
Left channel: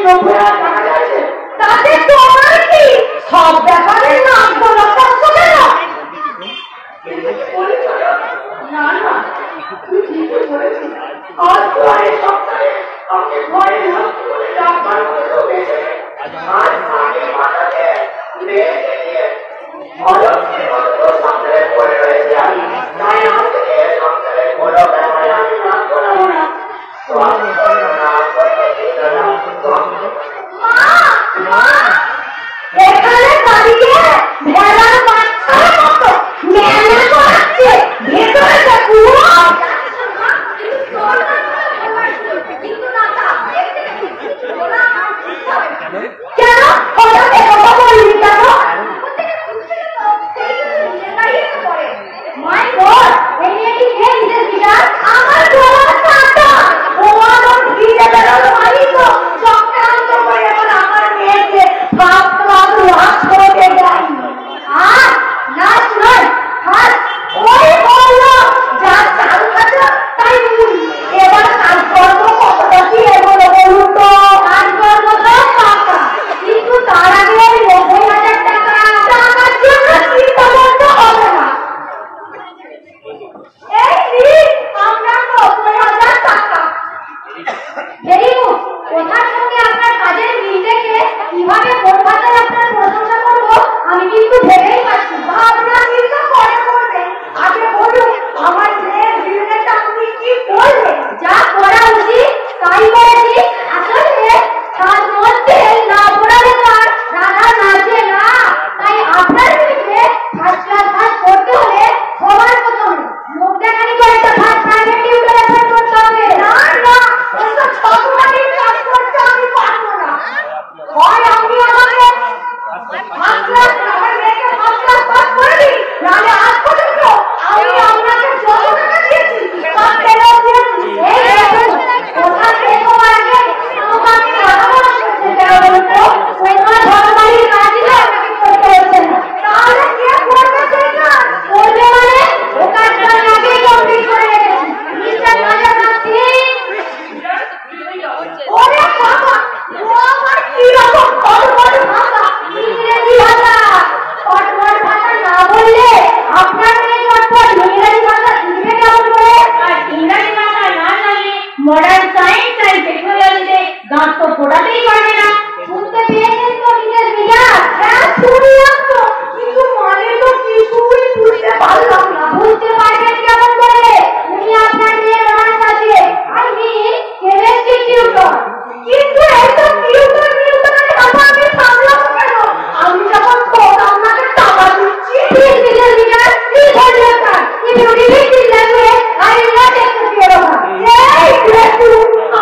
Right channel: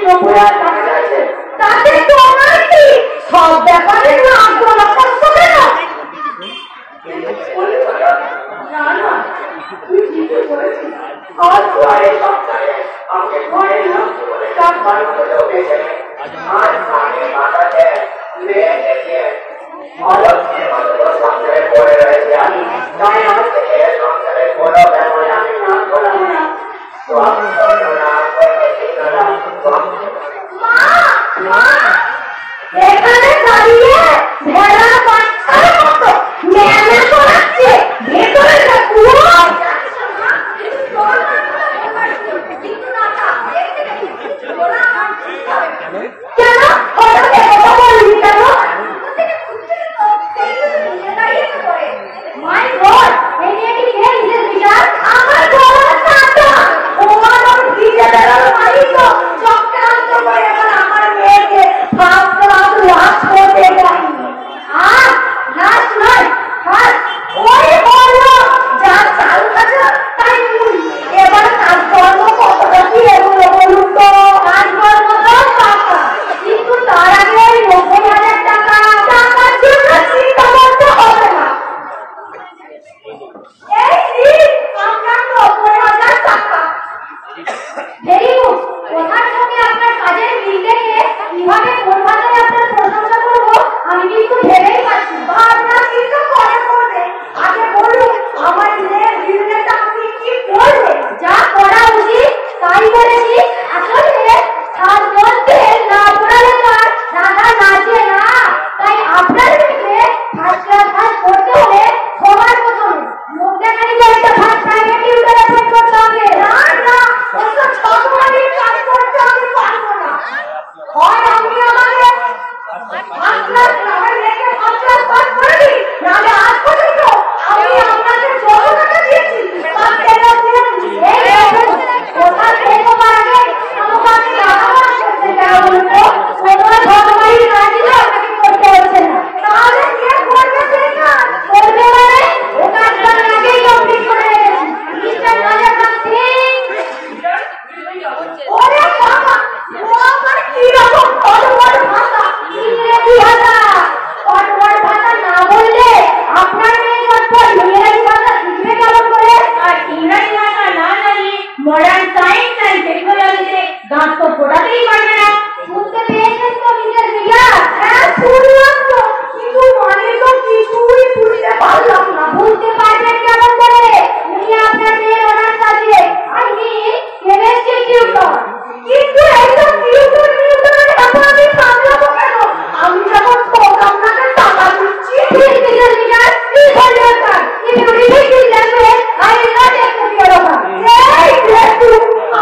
90,000 টাকা চাইছে, তাতে তোমার কি? সব ব্যাপারে নাম বলা কষ্ট কেন? না না, তুই ঠিকই বলেছিস। আজ তো এই সপ্তাহে আমাকে ঘরে নামতে বলে ডাক্তার বললো বেশি। আজ আগের মাথাকে রেখে দিয়ে অলক্ষে কত সংসারে পড়ে রয়েছে আমি। তাই আজ থেকে সংসারের কোনো ব্যাপারে আমি নাম বলাবো না। এখানে দাঁড়িয়ে ভেড়ার বাচ্চার মতো মেলে করাচ্ছে, ভেতরে ঢুকলো। কেন ওটাকে কথা বললি কেন? মাই গড, এই মেয়েটি কে? নিজের বিড়াল? আমার বড় চাচা। ও আমার ভিজে বেড়ালো মালিক তো চক্রান্ত করে এবার আমার মেয়েকে ফাঁস লাশ করতে যান। আর লাশ নয়, ফাঁস। ওই বললো যা চাল খাচ্ছে তাই নিন। এবার কাজ করবো কতটা কি এগুলো বলুন তো? কাজ করবো তো টাকা, কিন্তু তার আগে 90,000 টাকা টাকার জন্য চিন্তা করতে হবে না। এই নিন আপনার 90,000 টাকা। Very good. ওনার সঙ্গে আপনার কাজের মিল দেখে কিভাবে কোন ভাষায় আপনার প্রশংসা করবো আমি কিন্তু ভেবেই পাচ্ছি না। আপনার কিন্তু পরে করবে, আগে বলুন আমার মেয়ের বিজনেস আপনি কি করবেন? যা করা উচিত তাই করেছি। আসলে তার মধ্যে নাচড়া ব্যাপার, রাধা নাচে না। তাই আপনার বিজনেস ফার্স্ট ক্লাস করতে হলে সবার প্রথমে মুখ দেখানি কয়েকটা ফার্স্ট প্রাইভেট টিউটর অ্যাপয়েন্ট করতে হবে। না না, ওসব ছোটখাটো কাজ করতে আমি পারবো না। হয় আপনি আমাকে আমার মেয়েকে ফার্স্ট ক্লাস পাস করে দিন, নাহলে আজ পর্যন্ত আমি আপনাকে যত টাকা দিয়েছি সব ফেরত দিয়ে দিন। এই দেখুন, ওটা শেষ হওয়ার আগে আমাকে কথা বলতে যারা বলতো ওনার ভগবানের কাজগুলো আপনাকে করতে হচ্ছে না। তাহলে কে করবে সেই কাজ? করবে মানে ও কাজটা আগেই কমপ্লিট করে রেখেছি। মিস্টার রাজা সিং, ওরে বাবা, ও আমার কিরকম ফটফট ভাষা, ইংরেজি ভাষা। ফটফট ভাষা না বললে আপনার মেয়ে চটপট ইংরেজি ভাষা শিখবে কেমন করে? আর ইংরেজি ভাষা না জানলে মডার্ন সায়েন্স আর টেকনোলজিতে গাছ তো ফোটাতেই পারবে না। শুনতে পেয়েছেন তো নিজের মেজাজ? হ্যাঁ শুনলাম তো, কিন্তু মানে তো কিছুই বুঝতে পারলাম না। বুঝতে পারবেন কেমন করে? উনি আপনার মেয়ের অনার্স আছে, আমি কেমিস্ট্রি টিউটর। কিন্তু এইসব টিউটর আমি সামলাবো কেন? আমি যখন আপনাকে টাকা দিচ্ছি নিজের মেজাজ information university language I will not accept your offer. এই দেখু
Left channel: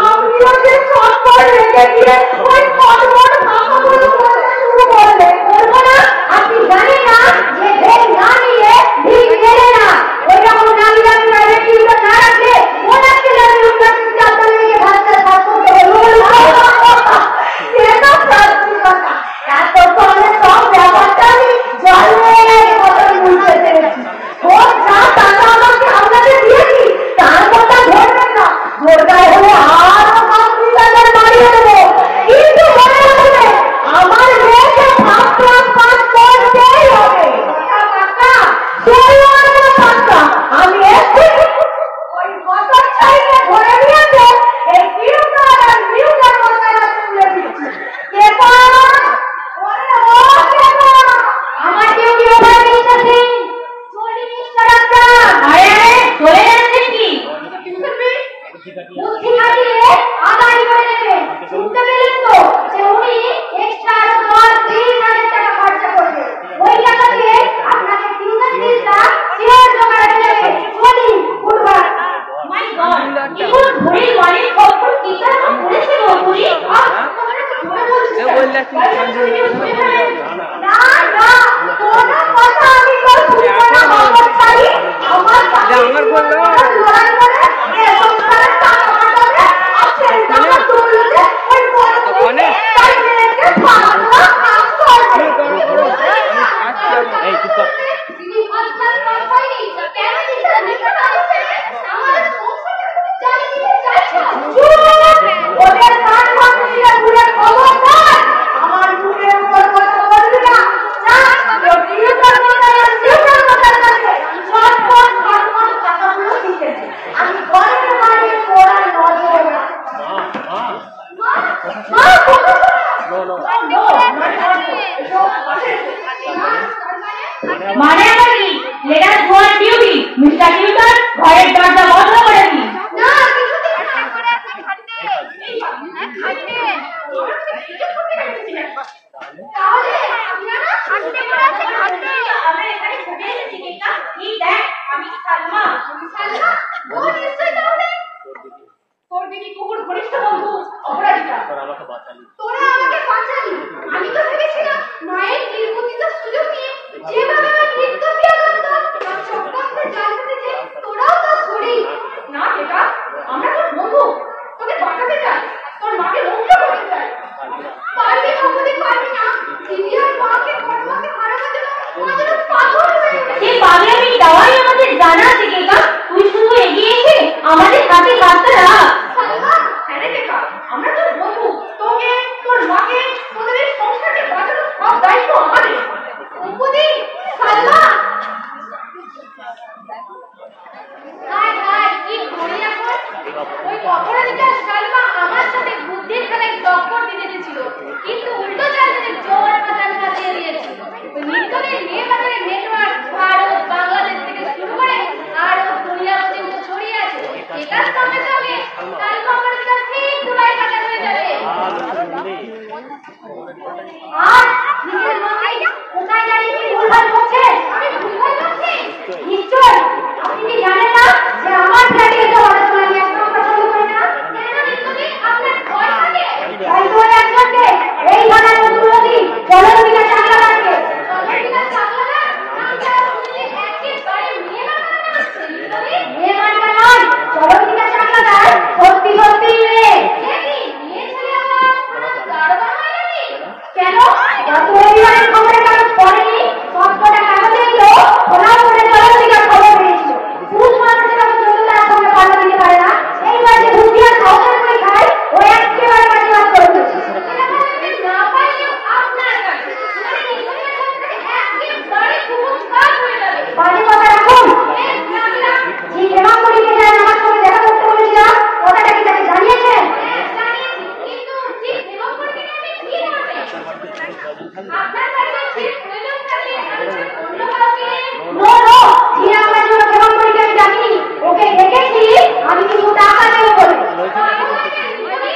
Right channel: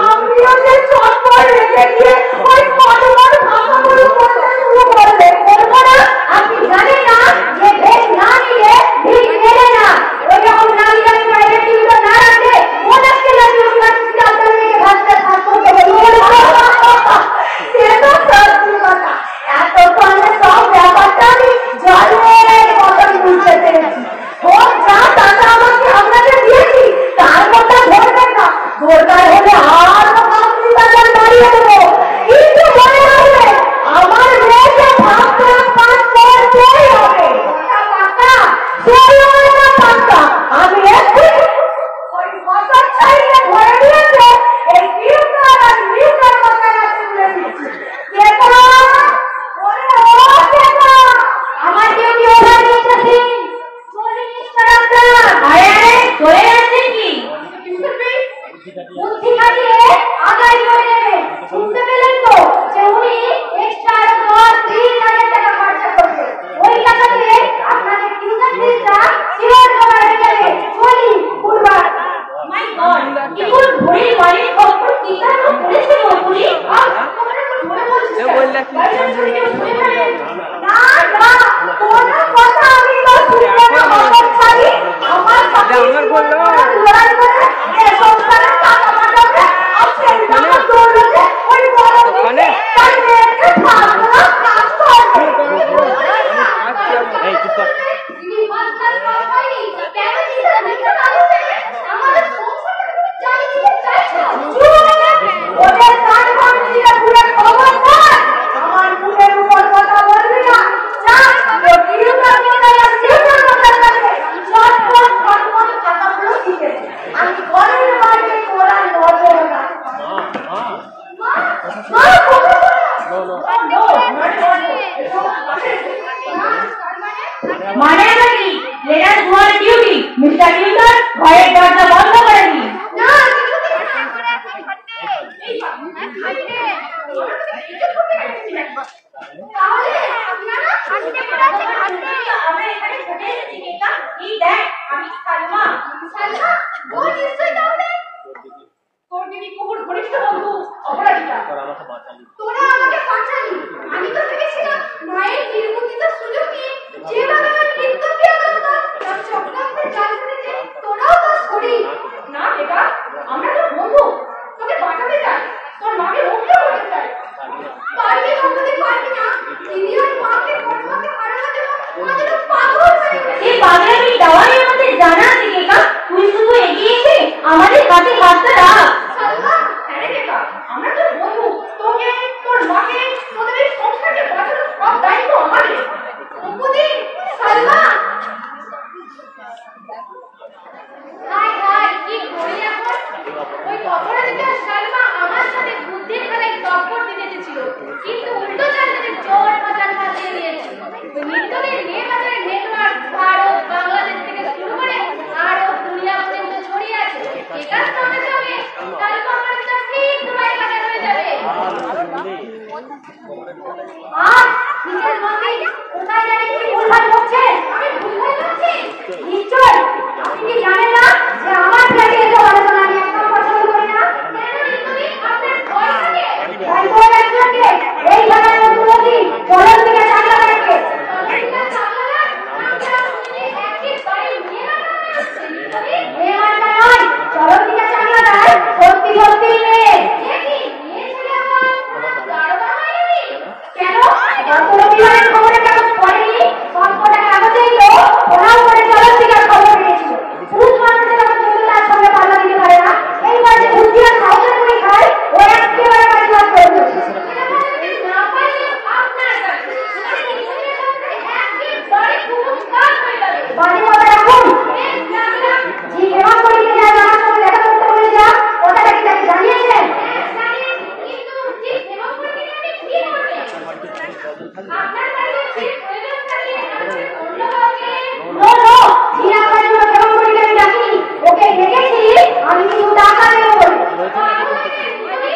আমিও যে চটপট রেখে দিয়ে ওই ফটফট ভাষাগুলো বলতে শুরু করবে, বলবো না? আপনি জানেন না যে ভেদ না নিয়ে ভিক মেলে না। ওই রকম নামি দামি প্রাইভেট টিউটর না রাখলে ওনাকে আমি ইউনিভার্সিটি আপনার মেয়েকে ভাষা পাস করতে বলবো। সেসব ফালতু কথা। এতক্ষণে সব ব্যাপারটা আমি জানলের মতো বুঝতে পেরেছি। ও যা টাকা আমাকে আপনাকে দিয়েছি তার কথা ধরবেন না। দরকার হলে আরো 5,000 বাড়িয়ে দেবো, কিন্তু মনে রাখবে আমার মেয়েকে ফার্স্ট ক্লাস পাস করতেই হবে। পাক্কা? চলো পাক্কা। আমি এক্ষুনি ওই মোটর সাইকেল ধরে নিয়েছে এই টিউটর আর মিউটার মশাই হাতে তুলে দিচ্ছি। কেটা ওরে ও কেটা, আমার ডিউটি ওভার মিস্টার সিং। চলি মিস্টার আপনার। আরে চলে যাচ্ছেন কি? বুদ্ধি খাটিয়ে আদায় করে নেবে। শুনতে পেলেন তো যে উনি এক্সট্রা 10,000 টাকা খরচা করবে। ওই টাকা দিয়ে আপনাকে টিউশন ফিসটা শিওর জমা রেখে দেবে। চলি গুডবাই। মাই গড, ইউর ঘড়ির মালিক কখন কিসের পুলিশে ঘড়ি? এ বললে কি না না, কোনো কথা আমি তো শুনবো না। আমার বললো সংসারের টাকা কাটাবে আর সেটা তুলবে ওই বড় ওখানে এই চুপ কর। দিদি মাস্টার পাইনি কেন চিন্তা করতে পারছো না? আমাদের সংসারে জানি কি চাইছো? ওদের কান ভাঙিয়ে পুরো খবর নো নো মানে আবার কি? Let us go on duty. Mr. Tutor, ঘরের দরজা বন্ধ করে দিন। না কিছুতেই না এই তাহলে আপনারা আমরা এখানে ঘুরে এসেছি গীতা এই দেখ আমি সালমা ও নিশ্চয়ই তাহলে তোর দিদি কুকুর ঘনিষ্ঠ বন্ধু অপরাজিতা আমাকে বাঁচালি তোরা আমাকে বাঁচালি আমি তো ভেবেছিলাম মায়ের নির্মুক্তির সুযোগ নিয়ে যেভাবে আমার নৃত্য বিয়াগত তার চক্রান্তের জাল বুনেছে তোরাও তা করি না বেটা আমরা তো বন্ধু তোকে বাঁচাতে চাই তোর মাকে রক্ষা করতে চাই পারবি বন্ধুদের পারবি না দিদি আর মাকে পরমাকে হারানোর জন্য আমাদের পাগল হয়ে গেছে এই পাগলামি দেওয়াই আমাদের জানা আছে গীতা। তুই শুধু এগিয়ে এসে আমাদের হাতে রাস্তা রাখ। সালমা আরে বেটা আমরা তো বন্ধু তোকে তোর মাকে তোদের এই সংসারকে বাঁচানোর সব দায়িত্ব আমাদের বুদ্ধি সালমা হাই কি করি এখন ওই অপরাজিতা সালমা আমার সাথে বুদ্ধির খেলায় টক্কর দিতে এসেছিল কিন্তু উল্টো চাল ধরে জোর বাজার দিয়ে দিয়েছে ওই নিত্যদিন মেয়ে বাজারের নেটওয়ার্ক ভারত বাংলাদেশ থেকে শুরু করে আরো দুনিয়া পর্যন্ত ছড়িয়ে আছে এটার সঙ্গে সঙ্গে সালমা অপরাজিতা ঠিক দুবাই কাটা হয়ে যাবে আর নিজের মধ্যে কোথায় দাঁড়িয়ে কি ভুলভাল বকছেন আমি ভুলভাল বকছি নিশ্চয় আপনি কি জানেন না যে আমার ফ্ল্যাটে এসে হঠাৎ আমি একদম পছন্দ করি না কেন নিশ্চয়ই আপনার ভয় থাকে তাই তো একজনকে এই ঘরের অনুরোধী চলন দিকে চাকলা রাখবে মেয়েমানটা নয় চলন দিকে চাকলা দেয় সত্যি সত্যি মেয়ে কেন গত রবিবারের খবরের কাগজ পড়েনি সবকটা কাগজেই তো ওরাও করে চলন দিকার খবর পেয়েছিল পুরুষ মানুষ যেটা পর্যন্ত তার সঙ্গে পাল্লা দিতে পারে না এইবার যে বুদ্ধি আর সাহসের করে খায় ও একেবারে বাজিবাদ করে দিচ্ছে না পারলে আপনার কাছে বাড়ি কথা রাখুন যে এবার করিতে যায় আমার সঙ্গে দেখা করতে বলেছিলাম ওটা কি তাকে জানিয়েছেন কিন্তু ঠিক এবার করিতে গেলে কি হবে আপনার বাড়িতে কি প্রয়োজন থাকে অন্য কাউকে নো কি আপনার জন্য কেমন করিতে আমি জানি ওকে দেখেছি আমি কিছু টাকা দেবো বলে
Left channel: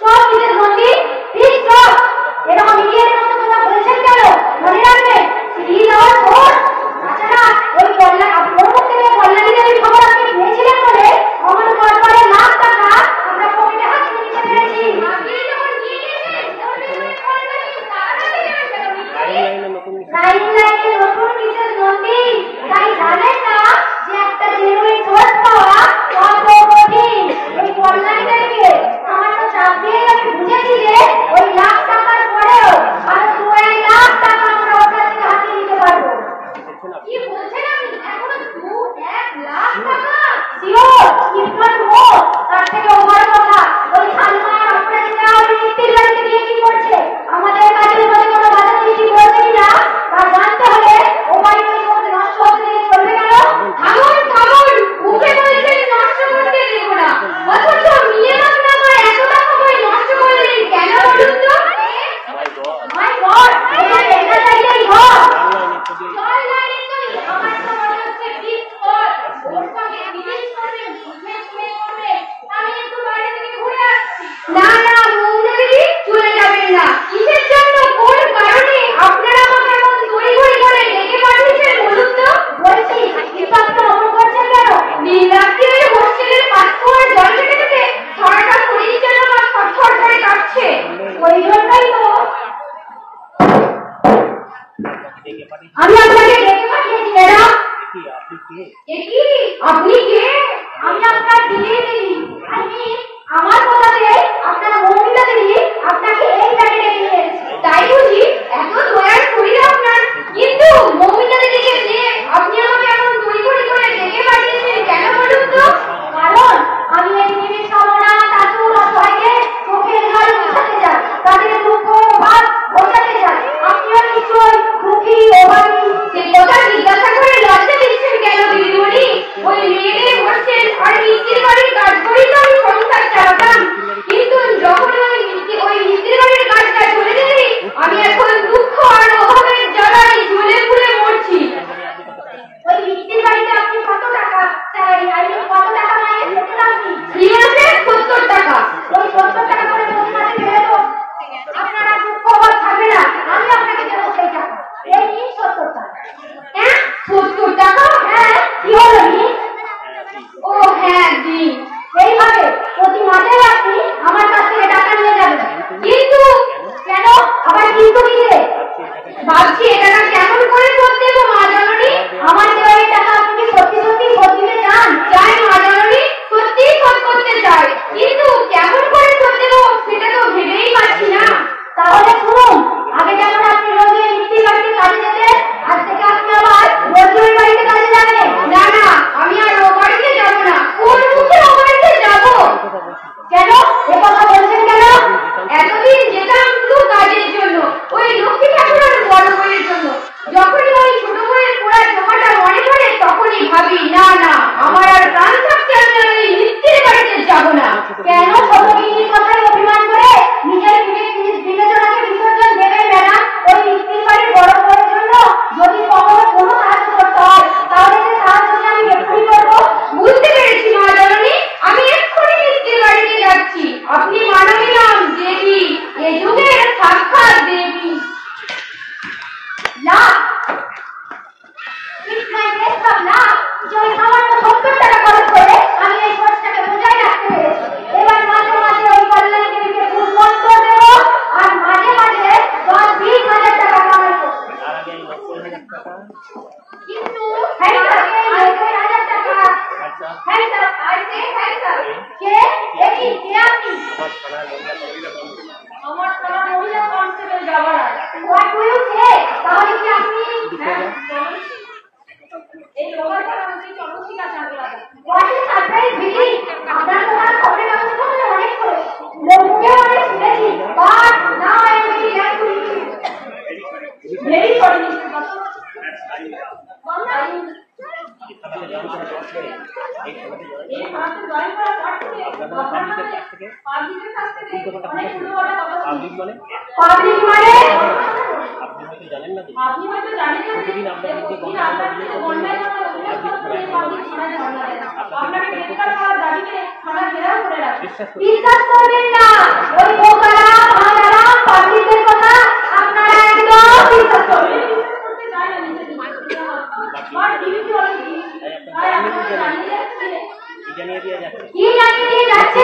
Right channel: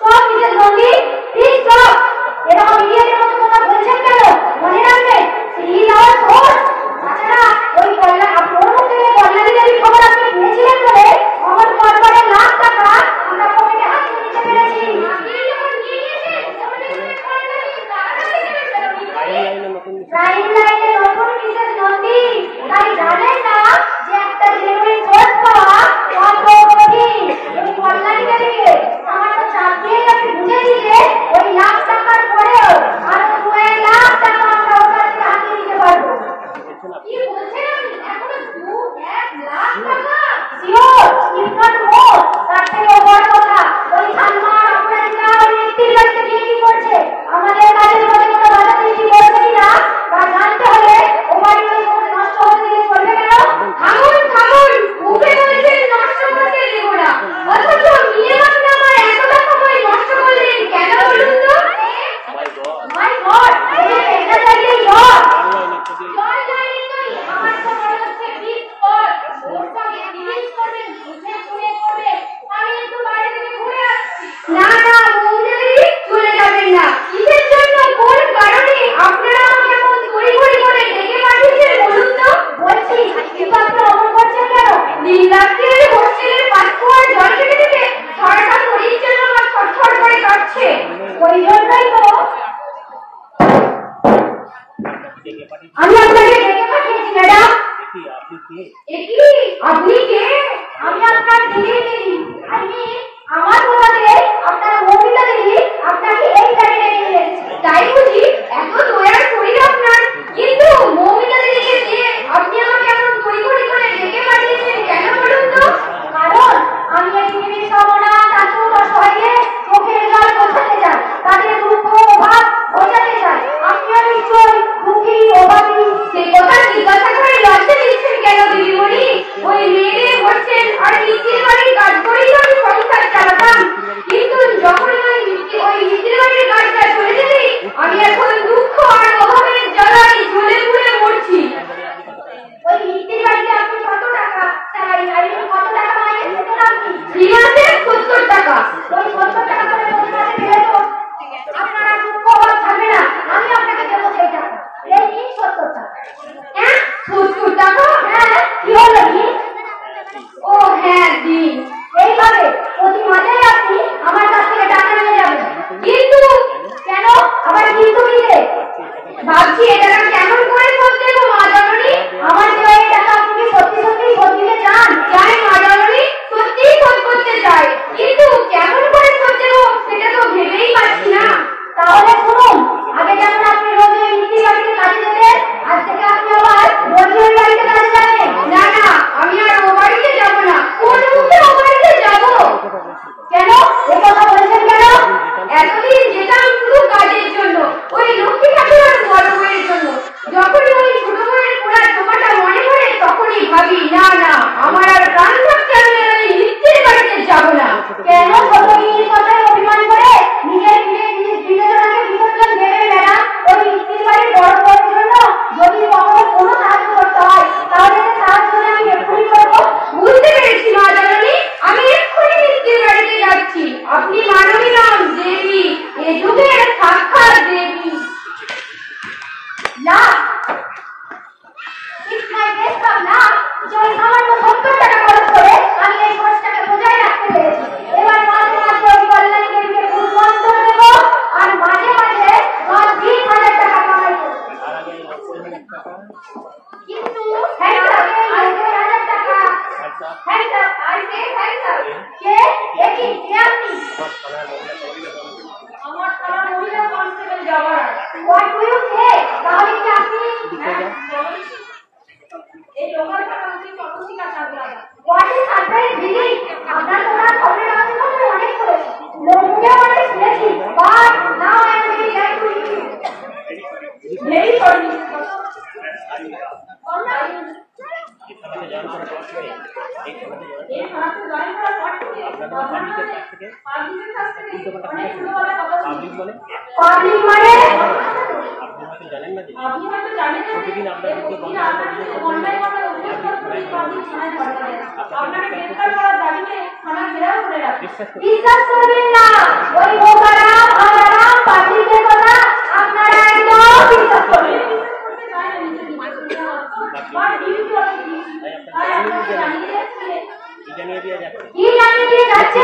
সব নিজের নদী ঠিক সব এরকম ইডিয়েটের মতো কথা বলছেন কেন মনে রাখবেন সিরিজ আওয়ার ফোর্স তাছাড়া ওই কল্যাণ ওর মুখ থেকে কল্যাণীদের এই খবর আপনি পেয়েছিলেন বলে আমার পরিবারের লাখ টাকা আমরা পকেটে হাতিয়ে নিতে পেরেছি আপনি যখন নিয়ে গিয়েছিলেন ওর পেছনে লাইনে নতুন মিসেস নন্দী তাই জানেন না যে একটা জেনুইন সোর্স পাওয়া কত কঠিন ওই কল্যাণীদের দিকে আমার তো চাপ দিয়েই আমি বুঝেছি যে ওই লাখ টাকার পরেও আরো 2 লাখ টাকা আমরা ওর কাছ থেকে হাতিয়ে নিতে পারবো কি বলছেন আপনি এখনো 2-1 লাখ টাকা শিওর ইফ নট মোর তার থেকে বড় কথা ওই সালমান অপরাজিতা ওই নিত্যির বাড়িতে গিয়ে কি করছে আমাদের কাজের মধ্যে কোনো বাধা সৃষ্টি করবে কিনা তা জানতে হলে ও বাড়ি ওই মধ্যে নষ্ট হতে দিলে চলবে কেন থাকুন মুখে বলছেন নষ্ট করতে দেব না অথচ মিনিমাম নামা এত টাকা করে নষ্ট করলেন কেন বলুন তো মাই গড এটা লাগিয়ে গড জল লাইনে তো আমার তো মনে হচ্ছে বিট কর ওর সঙ্গে ডিল করবে বুঝে শুনে করবে আমি একটু বাইরে থেকে ঘুরে আসছি না মুন্দেরি চলে যাবেন না কিসের জন্য কোন কারণে আপনারা আমাকে এমন তড়িঘড়ি করে ডেকে পাঠিয়েছেন বলুন তো বলছি কিন্তু আপনি অমন করছেন কেন নীল রাত্রে হোস্টেলের পাশ করে জল কেটে দিতে সারাটা শরীর যেন আমার ছটফট করে কাঁপছে ওই জন্যই তো আমি আপনাকে ডেকে পাঠিয়েছি ম্যাডাম আপনি কে আমি আপনার দিদি আমার কথাতে আপনার করছেন আর মিস্ত্রি বাড়ির কাজ করেই তো আমি সংসার চালাতাম, কিন্তু যখন ওই মিস্ত্রি বাড়ির কাজটা চলে গেলে আমি এখন দুঃখ আর অভাবের জ্বালায় ঝুলে পুড়ে মরছি। ওই মিষ্টির বাড়িতে আপনি কত টাকা স্যালারি, আর কত টাকা মাইনে পেতেন আপনি? ফ্রিতে 70 টাকা। ওই 70 টাকা করে প্রতি মাসে দিলে তো আপনার আর দুঃখ অভাব থাকবে না। আমি আপনাকে দেবো সেই টাকা। এই নিন 70 টাকা। হ্যাঁ 70 টাকা? হ্যাঁ, কি হলো দিন? ও হ্যাঁ দিন। এইভাবে প্রতি মাসে আপনি আমার কাছ থেকে টাকা নিয়ে যাবেন। কিন্তু কেন আবার কিন্তু দিতে? ভাবছি এটা কেমন করে করতে গো মা জননী? আমার দেওয়া এই টাকা আপনি কি সত্যি সত্যি শোধ দিতে চান? চাই মা জননী, সত্যিই শোধ করতে চাই, কিন্তু কেমন করে করতে গো সেটা তো ভেবেই পাচ্ছি না। তাহলে শুনুন, আগে যেমন আপনি রোজ ওই মিষ্টি বাড়িতে কাজে যেতেন, আজ থেকে আপনি আবার রোজ ওই বাড়িতে কাজে যাবেন। না না, আমি আর ও বাড়িতে যাব না। কোন মুখে ও বাড়িতে যাব? কেন এ কথা বলছেন কেন? এতদিন যেতাম শুধু কাজের জন্য, ওই লক্ষ্মী ঠাকুরের বড় বউয়ের জন্য। যখনই ওই ছোট বউয়ের পুরা জমাটা মনে পড়ে তখনই ভাবি না না, আমার আর প্রাণ থাকতে আমি আর ওই মিস্ত্রির বাড়িতে যাব না। কেন ছোট মিষ্টির কথায় অভিমান করে নিজের বিবেচনাকে বিসর্জন দেবেন ম্যাডাম? ওই মিষ্টির বাড়ির বড় বউয়ের জন্য যদি কখনো কোনো সাহায্য করতে হয়, তাহলে সে সাহায্য আমি এক্ষুনি করবো। বুঝতে পেরেছি মা জননী, আমি এক্ষুনি মিস্ত্রির বাড়িতে যাচ্ছি। আপনি মানবী নাম দেবী, এ যুগের সাক্ষাৎ দেবী। না, It's my best of luck যে ওই সামান্য 70 টাকা খরচ করে আমি এই কোর্সটাকে বজায় রাখতে পেরেছি। এবার মাঝে মাঝে ওই কল্যাণী দেবীকে খুব মন্ত্র দেবো আর মাঝে মাঝে 10-20 হাজার টাকা কামাই করবো। কিন্তু হ্যাঁ স্যার, 90,000 টাকা। হ্যাঁ স্যার, হ্যাঁ স্যার। কে? কে আপনি? আমার থানার মহিলা constable জওয়ারা। What do you say? তাহলে কি আপনি এই লোকাল থানার মধ্যে চন্দ্রশিখা চাকলাদা? What is surprise really? আপনার তো নাম খবরের কাগজে খবরে অনেক পড়েছে, লোককেও অনেক শুনেছি, but now I am really glad to meet you. Very sorry, Mr. Basu. এই থানাতে জয়েন করার পর থেকে আপনারা পাবলিকের কাছ থেকে অনেক সুন্দর কথা বলছেন। পাবলিক মানে আপনি হয়তো জানেন না যে প্রতিদিন আপনার বিরুদ্ধে গণমাধ্যম অভিযোগ করবেন না, আপনি থানায় আপনাকে বিশ্বাস করবেন না। ওই বোকারা ভাঙারা পাবলিকের কথা আপনারা একদম বিশ্বাস করবেন না। কি জানিয়ে দিয়ে যাচ্ছে? কি জানিয়ে দিয়ে যাচ্ছে?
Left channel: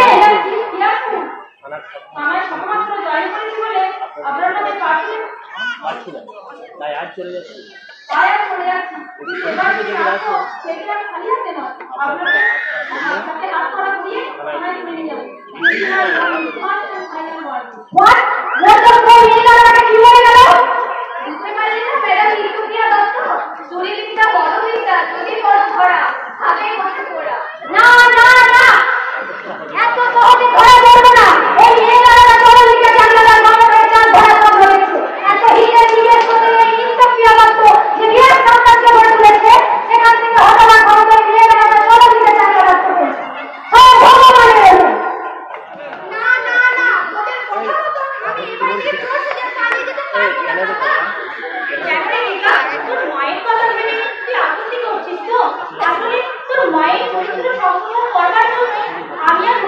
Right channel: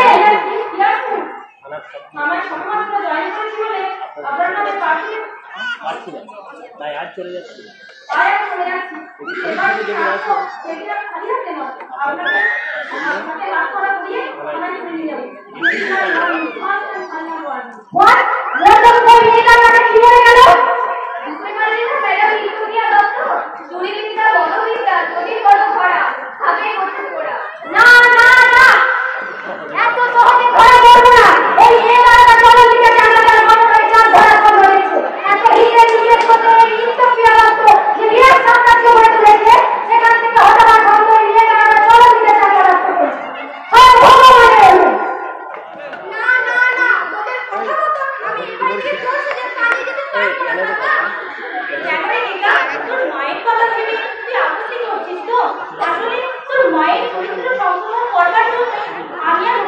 পাচ্ছি না, তাই আজ চলে যাচ্ছি। না না না, এত সহজে ধরা পড়বো না। এই মেয়েরা চরণদিকে ক্যামেরার গল্পের চাল ধরা কম হয়েছে। এত হিরে নিজের সাথে এই ইন্টারভিউ অবস্থ যে বিরাট সাম্রাজ্য গড়ে তুলেছে, সেখান থেকে হঠাৎ খবর মেয়েরা চরণদিকে চালিয়ে রাখতে পেরেছে। সব ভগবানের জন্য। না না না, তোদের কথা মতন আমি এবারে যে জোর সেজে পালিয়ে যেতে পারবো না বাবা। কেন রে নিকা, তোর মায়ের কথা ভেবে তুই আপত্তি করছিস তো? আসলে তোর মায়ের পরিচিত সংশোধন করবার জন্য আমি আর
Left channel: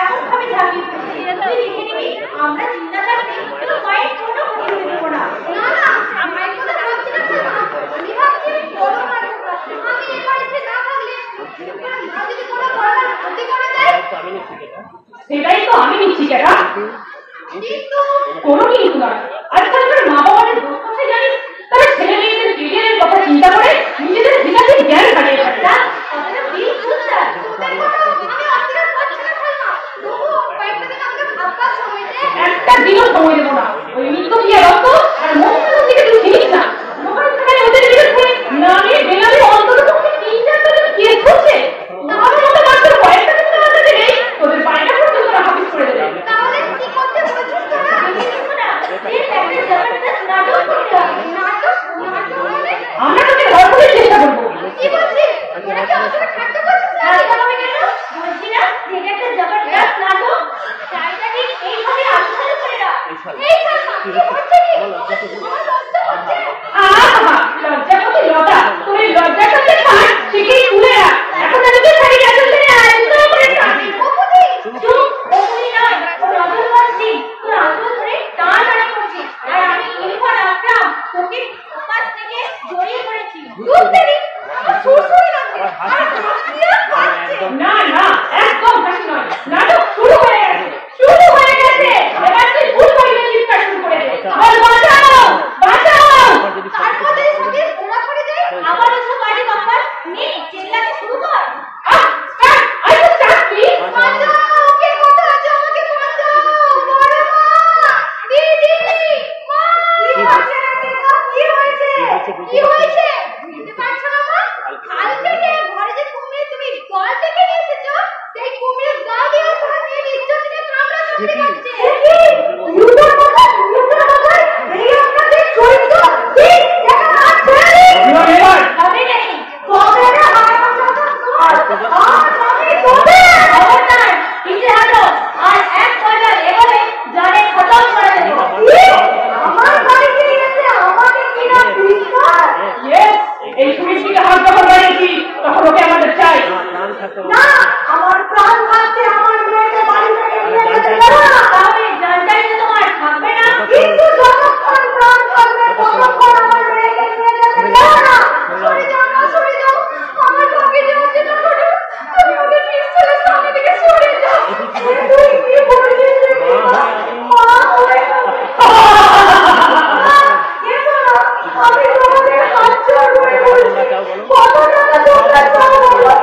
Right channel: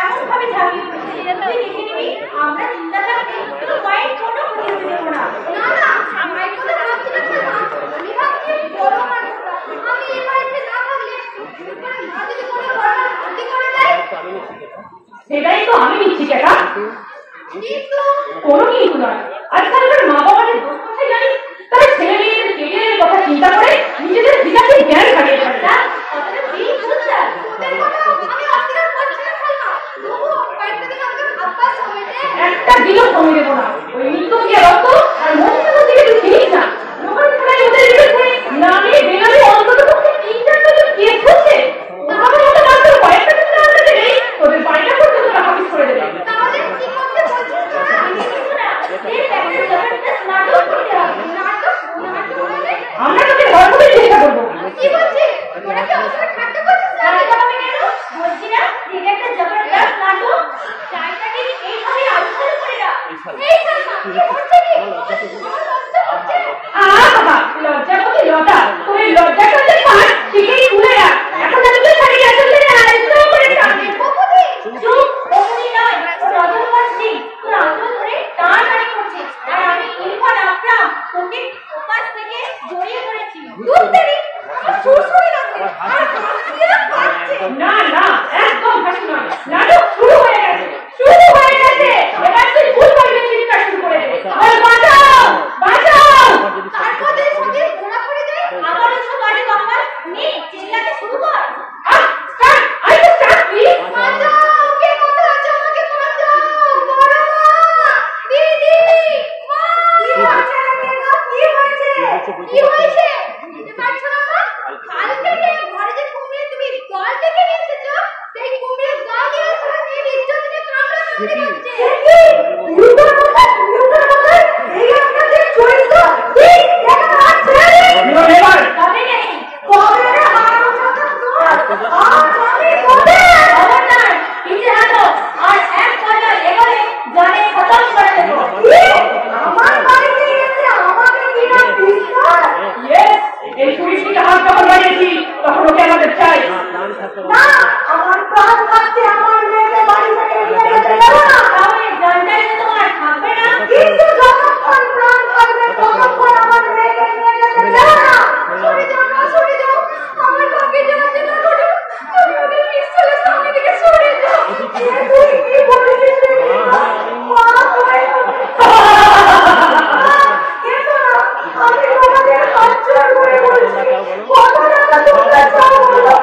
এমন ভাবে ঝাঁপিয়ে পড়েছি, আমরা চিন্তা থাকতে তোর মায়ের কোনো ক্ষতি করবো না। না না, মায়ের কথা ভাবছি না স্যার, আমি ভাবছি বড় মানুষরা আমি এই বাড়িতে না থাকলে মা যদি কোনো বড় ক্ষতি করে দেয়। সেটাই তো আমি নিচ্ছি কেনা, কিন্তু কোনো কিন্তু নয়। আচ্ছা আমার মা বাবা যে দুঃখ কথা জানিস, তারা ছেলে মেয়েদের কেরিয়ারের কথা চিন্তা করে নিজেদের বিকাশে জ্ঞান হারিয়ে ফেলে। কথাটা ঠিক বলছো স্যার, তোদের কথা আমি অস্বীকার করছি না সালমা। তবুও কয়েকটা দিন আমাকে ভাববার সময় দে। একটা দিনও সময় দেবো না। ওই মৃত্যু দিয়ে রক্ত আর মমতা থেকে তুই চিনিস না। লোকাল থানায় ওদের বিরুদ্ধে নামে বেনামে অন্তত 3-4টা কেস হচ্ছে। তাহলে ওদের মাত্র কয়েকটা দিনের মধ্যে থেকেই তোদের বাড়িটা পর্যন্ত তারা হাফিস করে দেবে। তাহলে কি করতে বলছিস তোরা? আমরা তোকে ঘর করে কি করছে কি? আমার লজ্জা হচ্ছে। লজ্জাপতি লতা তুমি লজ্জা করতে পার শিখেই ঘুরে রাখ এখন যদি থাকি যাচ্ছে একদম করে কাটে কপতি চুপ ওই না রাজু আসছি তোর আসল ধরে টানাটানি করছিস আর আমি ইরফান আকরাম তোকে ওপাশ থেকে জড়িয়ে ধরেছি তুই তেরি আমার সুরসুরি লাগছে আর হাসিয়া হাসছে না না একদম হাসি নয় নাটক শুরু হয়ে গেছে এবার তুই ভুল করে চিন্তা শুরু করে দে আর বাঁচাও বাঁচাও তারপর যদি সাথে ঘোরা করে যায় আবার ওসব বাড়ি বাম্পার নে চিল্লাতে শুরু কর আই তো চাকরি বাঁচাও কে কথা আছে আমাকে বাঁচাও বড় মা দিদি মা কি হয়েছে কি হয়েছে বুঝতে পারছো না মা কাল থেকে ঘরে যে কুমির তুমি দল থেকে নিয়ে এসেছো সেই কুমিরের গা দিয়ে তোমার মেয়ের ইজ্জত নিয়ে কামড়া কামড়ি করছে ইউটার কথা এই আপনাদের চরিত্র ঠিক দেখা আছে আমি নেই কবে না হারানো কথা আর আমি কবে খবরদার কিছু হাতো আর এক পয়সা এবারে জানে খতম করে দেব আমার বাড়িতে এসে আমাকে কি না বিশ্বাস এই সুমিষ্টির হাত যখন লাগিয়েছি তখন ওকে আমাদের চাই না আমার প্রাণ থাকতে আমার মেয়েকে বাড়ি থেকে নিয়ে যেতে না তাহলে জানটাই যে তোমার থাকবে না কিন্তু যতক্ষণ প্রাণ থাকবে ততক্ষণ আমার মেয়েকে নিয়ে যেতে চাই না সরে যাও আমার কাউকে যাওয়ার জন্য ঘটে আমি ওদের পিস্তলের সামনে থেকে সরে যাও তুই কি বলেছিস মা কিন্তু না আমি তোমাদের হাত ছেড়ে করে বলছি কত টাকা তোমরা চাও বলো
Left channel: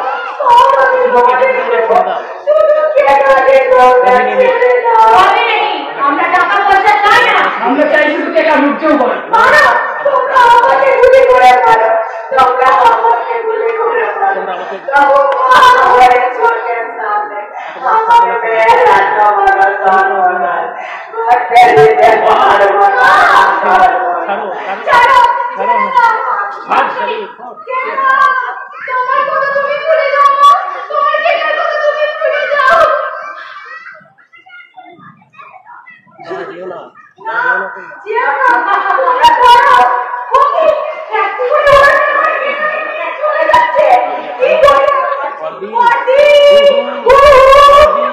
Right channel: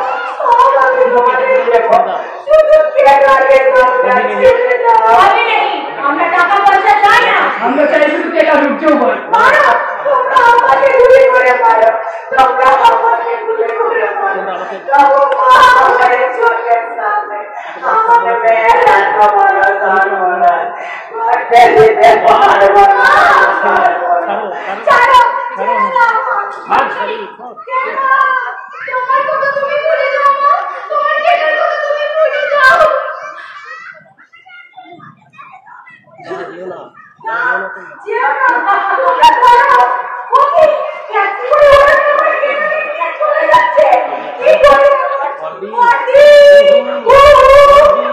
আমি তোমাদের শুধু কেটে আমরা টাকা পয়সা চাই না আমরা চাই শুধু টাকা রুজু হয় তোমরা আমাকে গুলি করে মারো তোমরা আমাকে গুলি করে মারো তোমরা আমাকে আমার চোখের সামনে আমার মেয়ের এত বড় সন্তান ফেলিতে পারবো না ছাড়ো হাত ছাড়ি কেন তোমার কথা তুমি ভুলে যাও মা তোমার কেটার কথা তুমি ভুলে যাও দিও না জিও না তোমরা করো ওকে ট্যাক্সি করে ওরা চলে যাচ্ছে কি করি বর্দি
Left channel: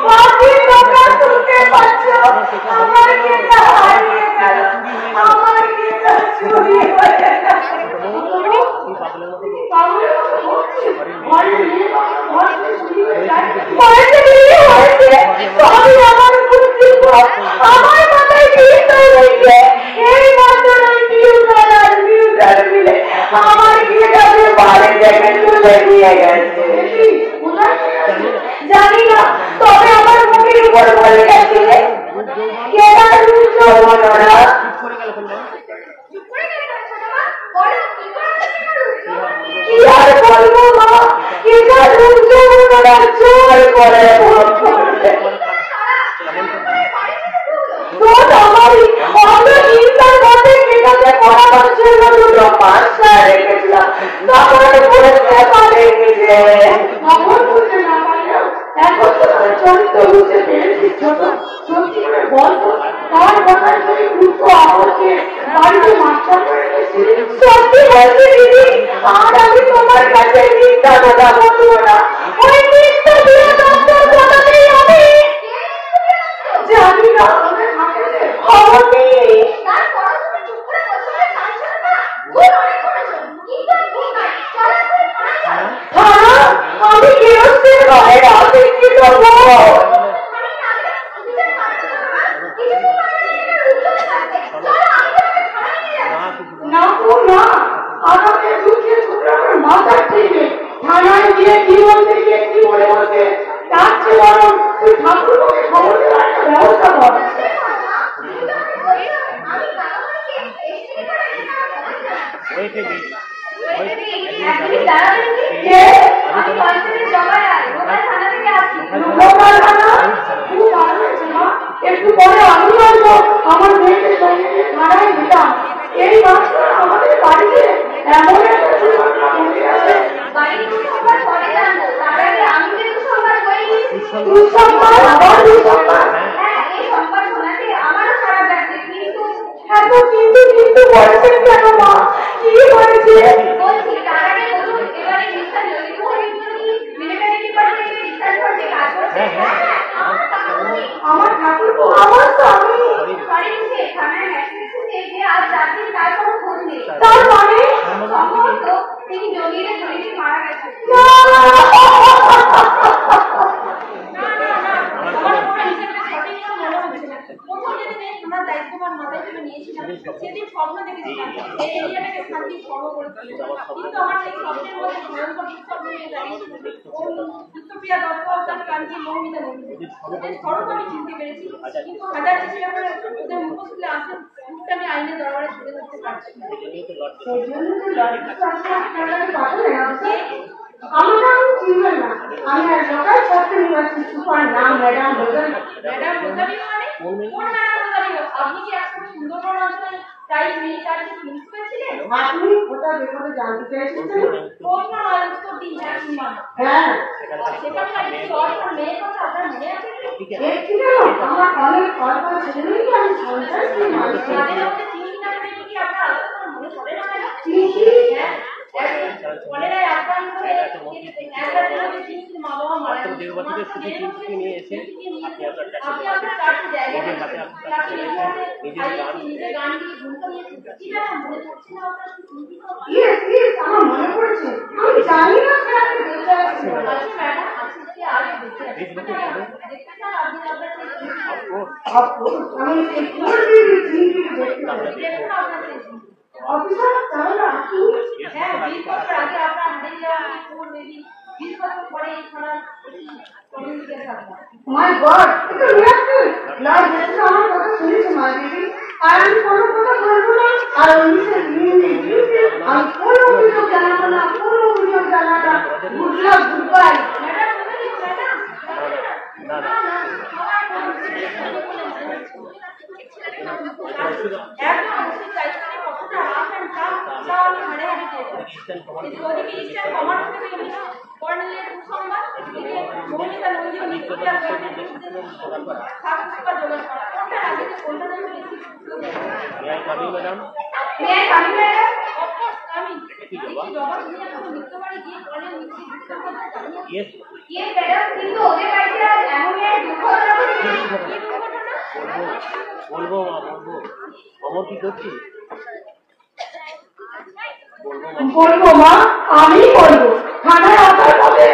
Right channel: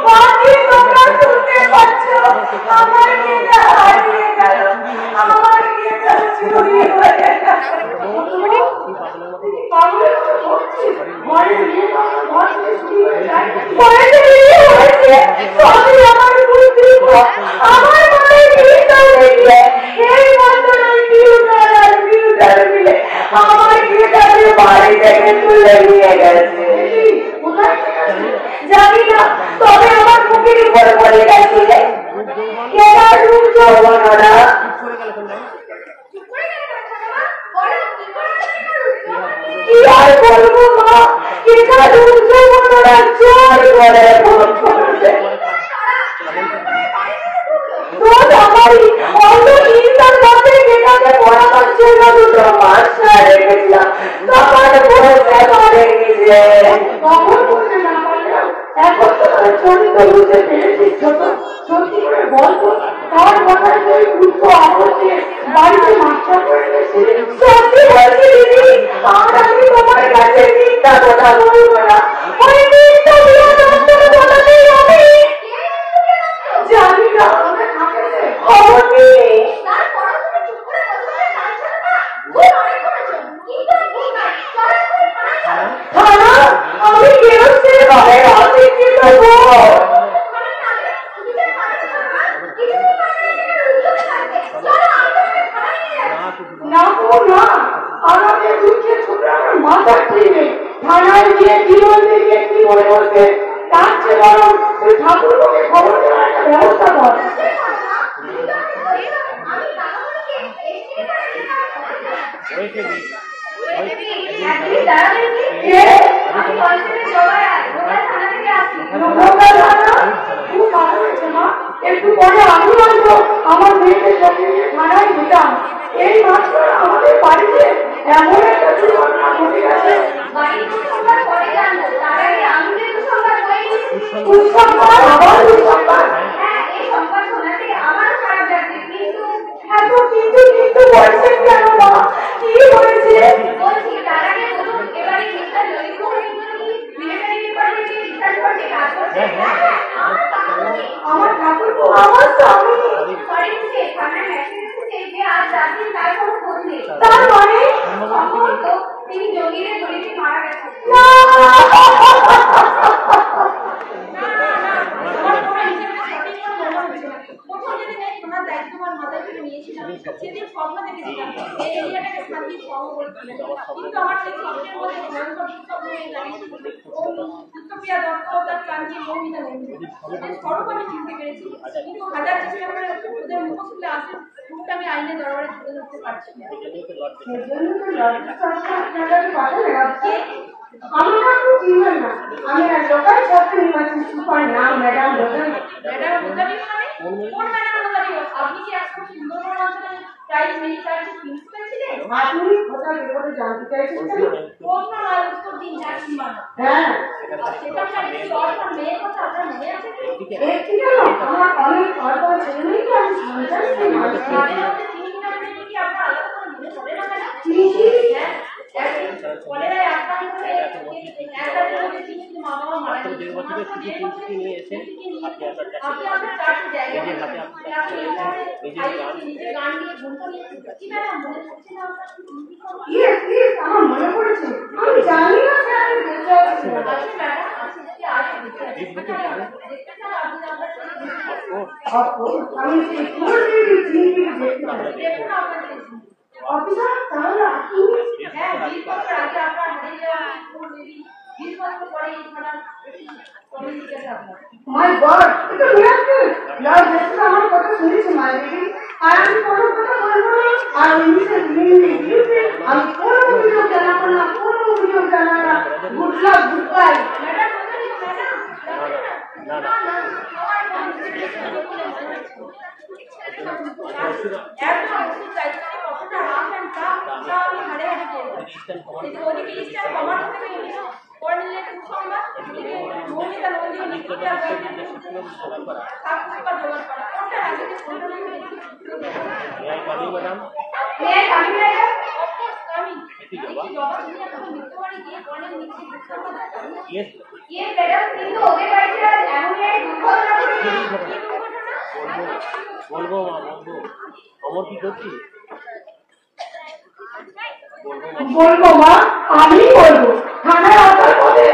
বর্দি তোমরা শুনতে পাচ্ছ আমার কেটা হারিয়ে গেল আমার কেটা চুরি হয়ে গেল কি পাগলের মতো পাগলের মতো বলছিস ঘরে গিয়ে আমার উপরে দিব আমার মাথায় বিস্তার লেগে এই মাত্র ওই টিউটার মিলে আমার গিটাকে বাড়ি থেকে তুলে নিয়ে গেছে জানি না তবে আমার মুখের উপর বলে গেছিলে কেনা রূপ যৌবন ওরা করে গেল কোন চুপ করে গেলে কেন ছোট মা বলো কি করে কি আর বলবো মা কেনা রূপ যৌবন ওরা জোর করে ভোট করছে তোর আমারই অত চিন্তার মধ্যে কেনাকে পড়াবার জন্য দুটো মাসা রেখেছিলাম তখন বলতে পারেনি যে তখন বুঝতে না পারলেও এখন তোমার চরিত্র বুঝতে পেরেছি ছোট সত্যি করে বলতো তার মাথায় যে দুটো আপদকে বাড়িতে মাস্টার করে গেছে সত্যি বলছি দিদি আর আমি তোমার কাছে মিথ্যা কথা বলবো না ওই মিথ্যা বিয়োদন্তর কথাতেই আমি জানি না খবর নেই তারপর তুমি চুপ করে বসে বসে কাঁদছো না ভুল অনেক করেছো কিন্তু ভুল নয় চলো তুমি থানায় চলো আমি কেরোসিন ঘরে অপেক্ষিত হবো না গো না আমাকে দুঃখে ছুটে আমার মাথা থেকে থানায় গিয়ে কি বলতে গিয়ে কি বলে বলতে তার চেয়ে বরং তুই ঠাকুরকে খবর দেওয়ার একটা ব্যবস্থা কর ওইকে দি একটু পরে আমি বলবো আমার মেয়েকে সঙ্গে নিয়ে থানায় দিতাম এই মাত্র আমাদের বাড়িতে এমন একটা দুর্ঘটনা ঘটে গেছে দুঃসংবাদ আবার দুঃসংবাদ হ্যাঁ হ্যাঁ আমার ঠাকুরপো আমার স্বামী। তার মানে তিনি জমিয়ে জড়িয়ে মারা গেছেন। সেদিন স্বপ্ন দেখেছিলাম এই এরিয়াটাকে শান্তি সর্ব করে তুলে, কিন্তু আমার সেই স্বপ্নের মধ্যে ভয়ঙ্কর দুঃস্বপ্ন হয়ে দাঁড়িয়েছিল। চিত্তপ্রিয়া দত্ত তার কাঞ্চি মৌমিতা নন্দী স্বরূপ আমি চিনতে পেরেছি, কিন্তু হাজার চেষ্টা করে ওদের মুখোশগুলো আসে মুখটা আমি আইনের দরবারে তুলে ধরতে পারছি না। আমি না চিনবেন না, আমি আর লোকাল ছাত্র নিবাসী সুপার নাম ম্যাডাম রোজারি। ম্যাডাম রোজারি মানে কোন ম্যাডাম রোজারি? আপনি কি এখন সুন্দরবন অঞ্চলের প্রাইজ মিনিস্টারের প্রিন্সিপাল ছিলেন? আপনি কোথায় ব্যাপারে জানতে চাইছেন? প্রশ্ন নয়, উত্তর দিন। হ্যাঁ সেখানকার একটি অর্থর মেয়ের কথা আপনার মনে আছে কি? দেখছি না, আমার অনেক অল্প ছেলেই তো আমি সন্তান তাদের মধ্যে চিনি না বলে কি আপনার আলাদা করে মনে পড়ে না ম্যাডাম? চিনি। হ্যাঁ কলেরায় আক্রান্ত হয়ে এক রাতের মধ্যে চিনির মা বাবা মারা গেছে। 1.5 বছরের শুধু চিনি নিয়ে এসে আপনি আপনার চারটি জায়গায় নিজে গান দিয়ে ঘুম পাড়িয়েছেন কি ম্যাডাম? মনে পড়ছে না আপনার? ইয়েস ইয়েস আমার মনে পড়েছে। আমি জানি না যে আপনি বেঁচে আছেন। আছে ম্যাডাম, আছে যে আজ বেঁচে আছে। দেখতে চান আপনি আপনার আমি সেই চিনি দেখতে পাচ্ছি। দেখুন আপনার সেই অফিসার তাহলে আপনি হ্যাঁ 20 বছর আগে আপনার হারিয়ে যাওয়া পুরো মেবি 20 বছর পরে এই ছাড়া একটি কমিউনিকেট আপনার। মাই গড, এটা মিরাকল। না যেটা আমার কথা শুনেছি মাই বেবি, আর আমি কোনো কথা বলবো না। আর মিসেস মিমি আমি কোনো অভিযোগ জানাবো না, কোনো অভিযোগ জানাবো না। Good luck, good bye. Madam বলেন ম্যাডাম না না না আমার বলে মনে হচ্ছে একদম ওষুধ চাইতে কতটা রাফ অ্যান্ড টাফ তা আমি হাড়ে হাড়ে পেয়ে যাচ্ছি। ওদিকে ইস্টার্ন কমান্ড থেকে ইংলিশ কর্নেলের সুসংবাদ, এদিকে মৌমিতা নন্দী নিত্যপ্রিয়ার সাক্ষর জোগাড় করা, কোনটা রাজিতে কোনটা নন্দী বেশি? ম্যাডাম অফকোর্স আমি একটি জবাব নিয়ে এখন নিত্যবাড়ি গিয়ে কর্নেল নিচ্ছে দুঃসংবাদটা জানিয়ে ম্যাডাম, কিন্তু ওদের বাড়িতে আজ এমনই এক দুর্ঘটনা ঘটেছে। কি দুর্ঘটনা? বলবো মা বলবো। অমর কি করছি? বলবো মা, আমি বলবো। থানায় আপনার মধ্যে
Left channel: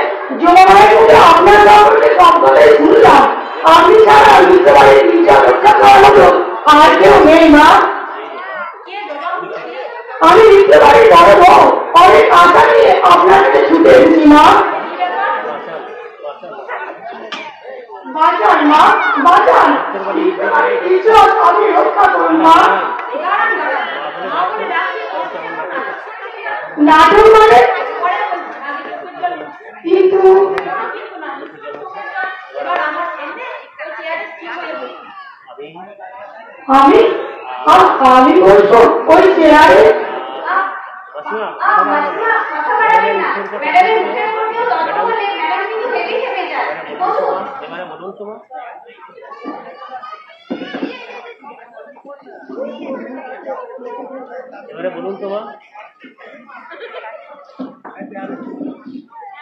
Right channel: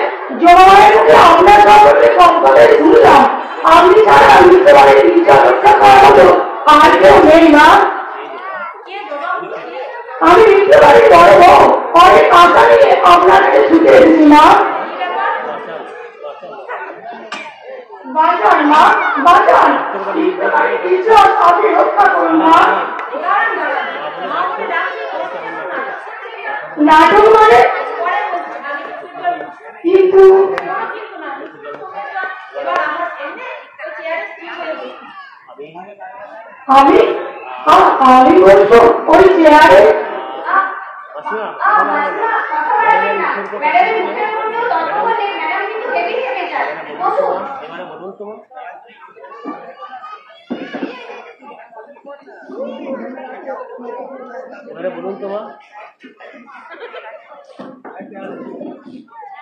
জমায়ের মধ্যে আপনার সম্বন্ধে সম্পদে শুনলাম। আপনি ছাড়া বুঝতে পারি 3,000 টাকার মতো আর কেউ নেই মা। কে জবাব দিচ্ছে? আমি লিখতে পারি বড় বউ অনেক আশা নিয়ে আপনার কাছে ছুটে এসেছি মা। কি ব্যাপার? বাঁচান মা, বাঁচান। লিখতে পারি ইজ্জত আপনি রক্ষা করুন মা। দাঁড়ান মা বলে ডাকছি নাটক মানে? পরে বলছি, আগে চল। কিন্তু কোনো কিন্তু না, এবার আমার সামনে ওই চেয়ারে স্থির হয়ে বসি। আমি আমি বলবো ওই চেয়ারে। এবারে বলুন তোমার এবারে বলুন তোমার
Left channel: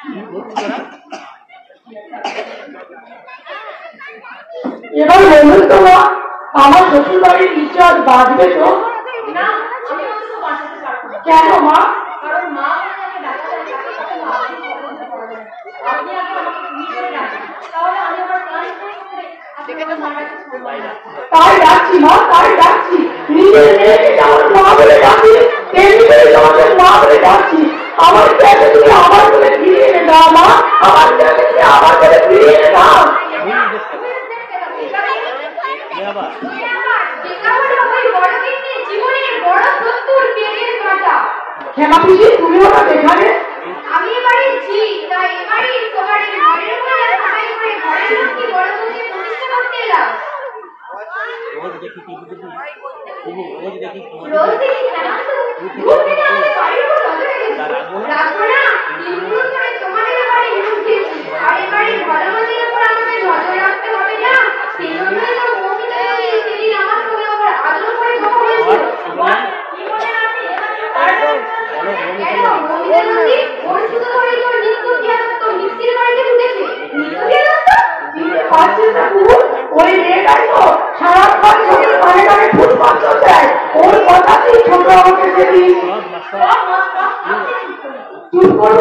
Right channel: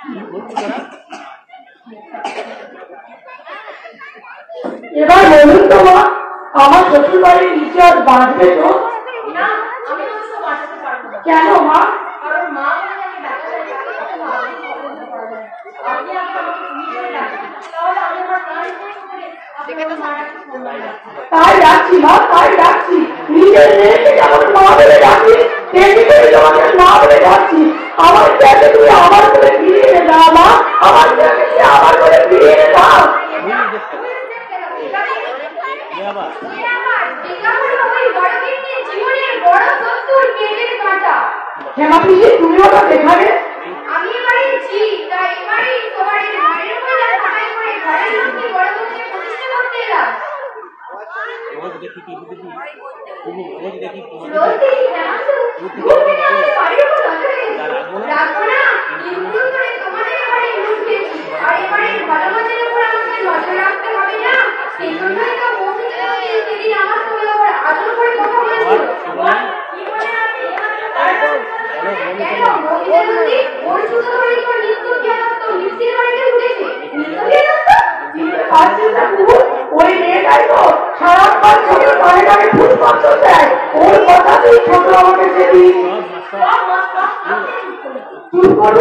কি করছি তোরা? এবার বলুন তো মা, আমার শ্বশুর বাড়ির ইজ্জত বাঁচবে তো? না, আমি অন্তত বাঁচাতে পারবো না। কেন মা? কারণ মা বলে যাকে ডাক্তার তাকে কখনো আপনি পর্যন্ত করা যায় না। আপনি আগে আমাকে তুমি বলে ডাকবেন, তাহলে আমি আমার প্রাণ শেষ করে আপনার মাটাকে সম্মান রাখবো। তাই ডাকছি মা, তাই ডাকছি। নিজের মেয়েকে যেমন মা বলে ডাকি, তেমনি করে তোমাকে মা বলে ডাকছি। আমার মেয়েকে তুমি আমার বলে ফিরিয়ে এনে দাও মা, আমার মেয়েকে তুমি আমার বলে ফিরিয়ে এনে দাও। হেমা পিসি, তুমি আমার এখানে? আমি এবারে জি, তাই এবারে তোমার এই ঘরের উপরে সবাই করে ঘরের লক্ষ্মী বড় দুধকে প্রতিষ্ঠা করতে এলাম। রোজ দেখি টিভি দেখি রোজ দেখি তোমার রোজ দেখি কেন শুধু তার রাখবো না ইনক্লুড করে তোমাদের এবারে ঢুকেছি। আর এবারে ভালো মন্দের উপর আমাদের নজর রাখতে হবে না। সেই জন্যই তো মৌমিতা নদী সেদিন আমার সঙ্গে ওপর আদর করে কথা বলেছিল। কি বলেন আপনি? মৌমিতা নদী ওর শুধু বাড়ি তোমার নিত্যপ্রিয়া দত্ত মিষ্টির বাড়িতে উঠেছে। নিত্যপ্রিয়া দত্ত?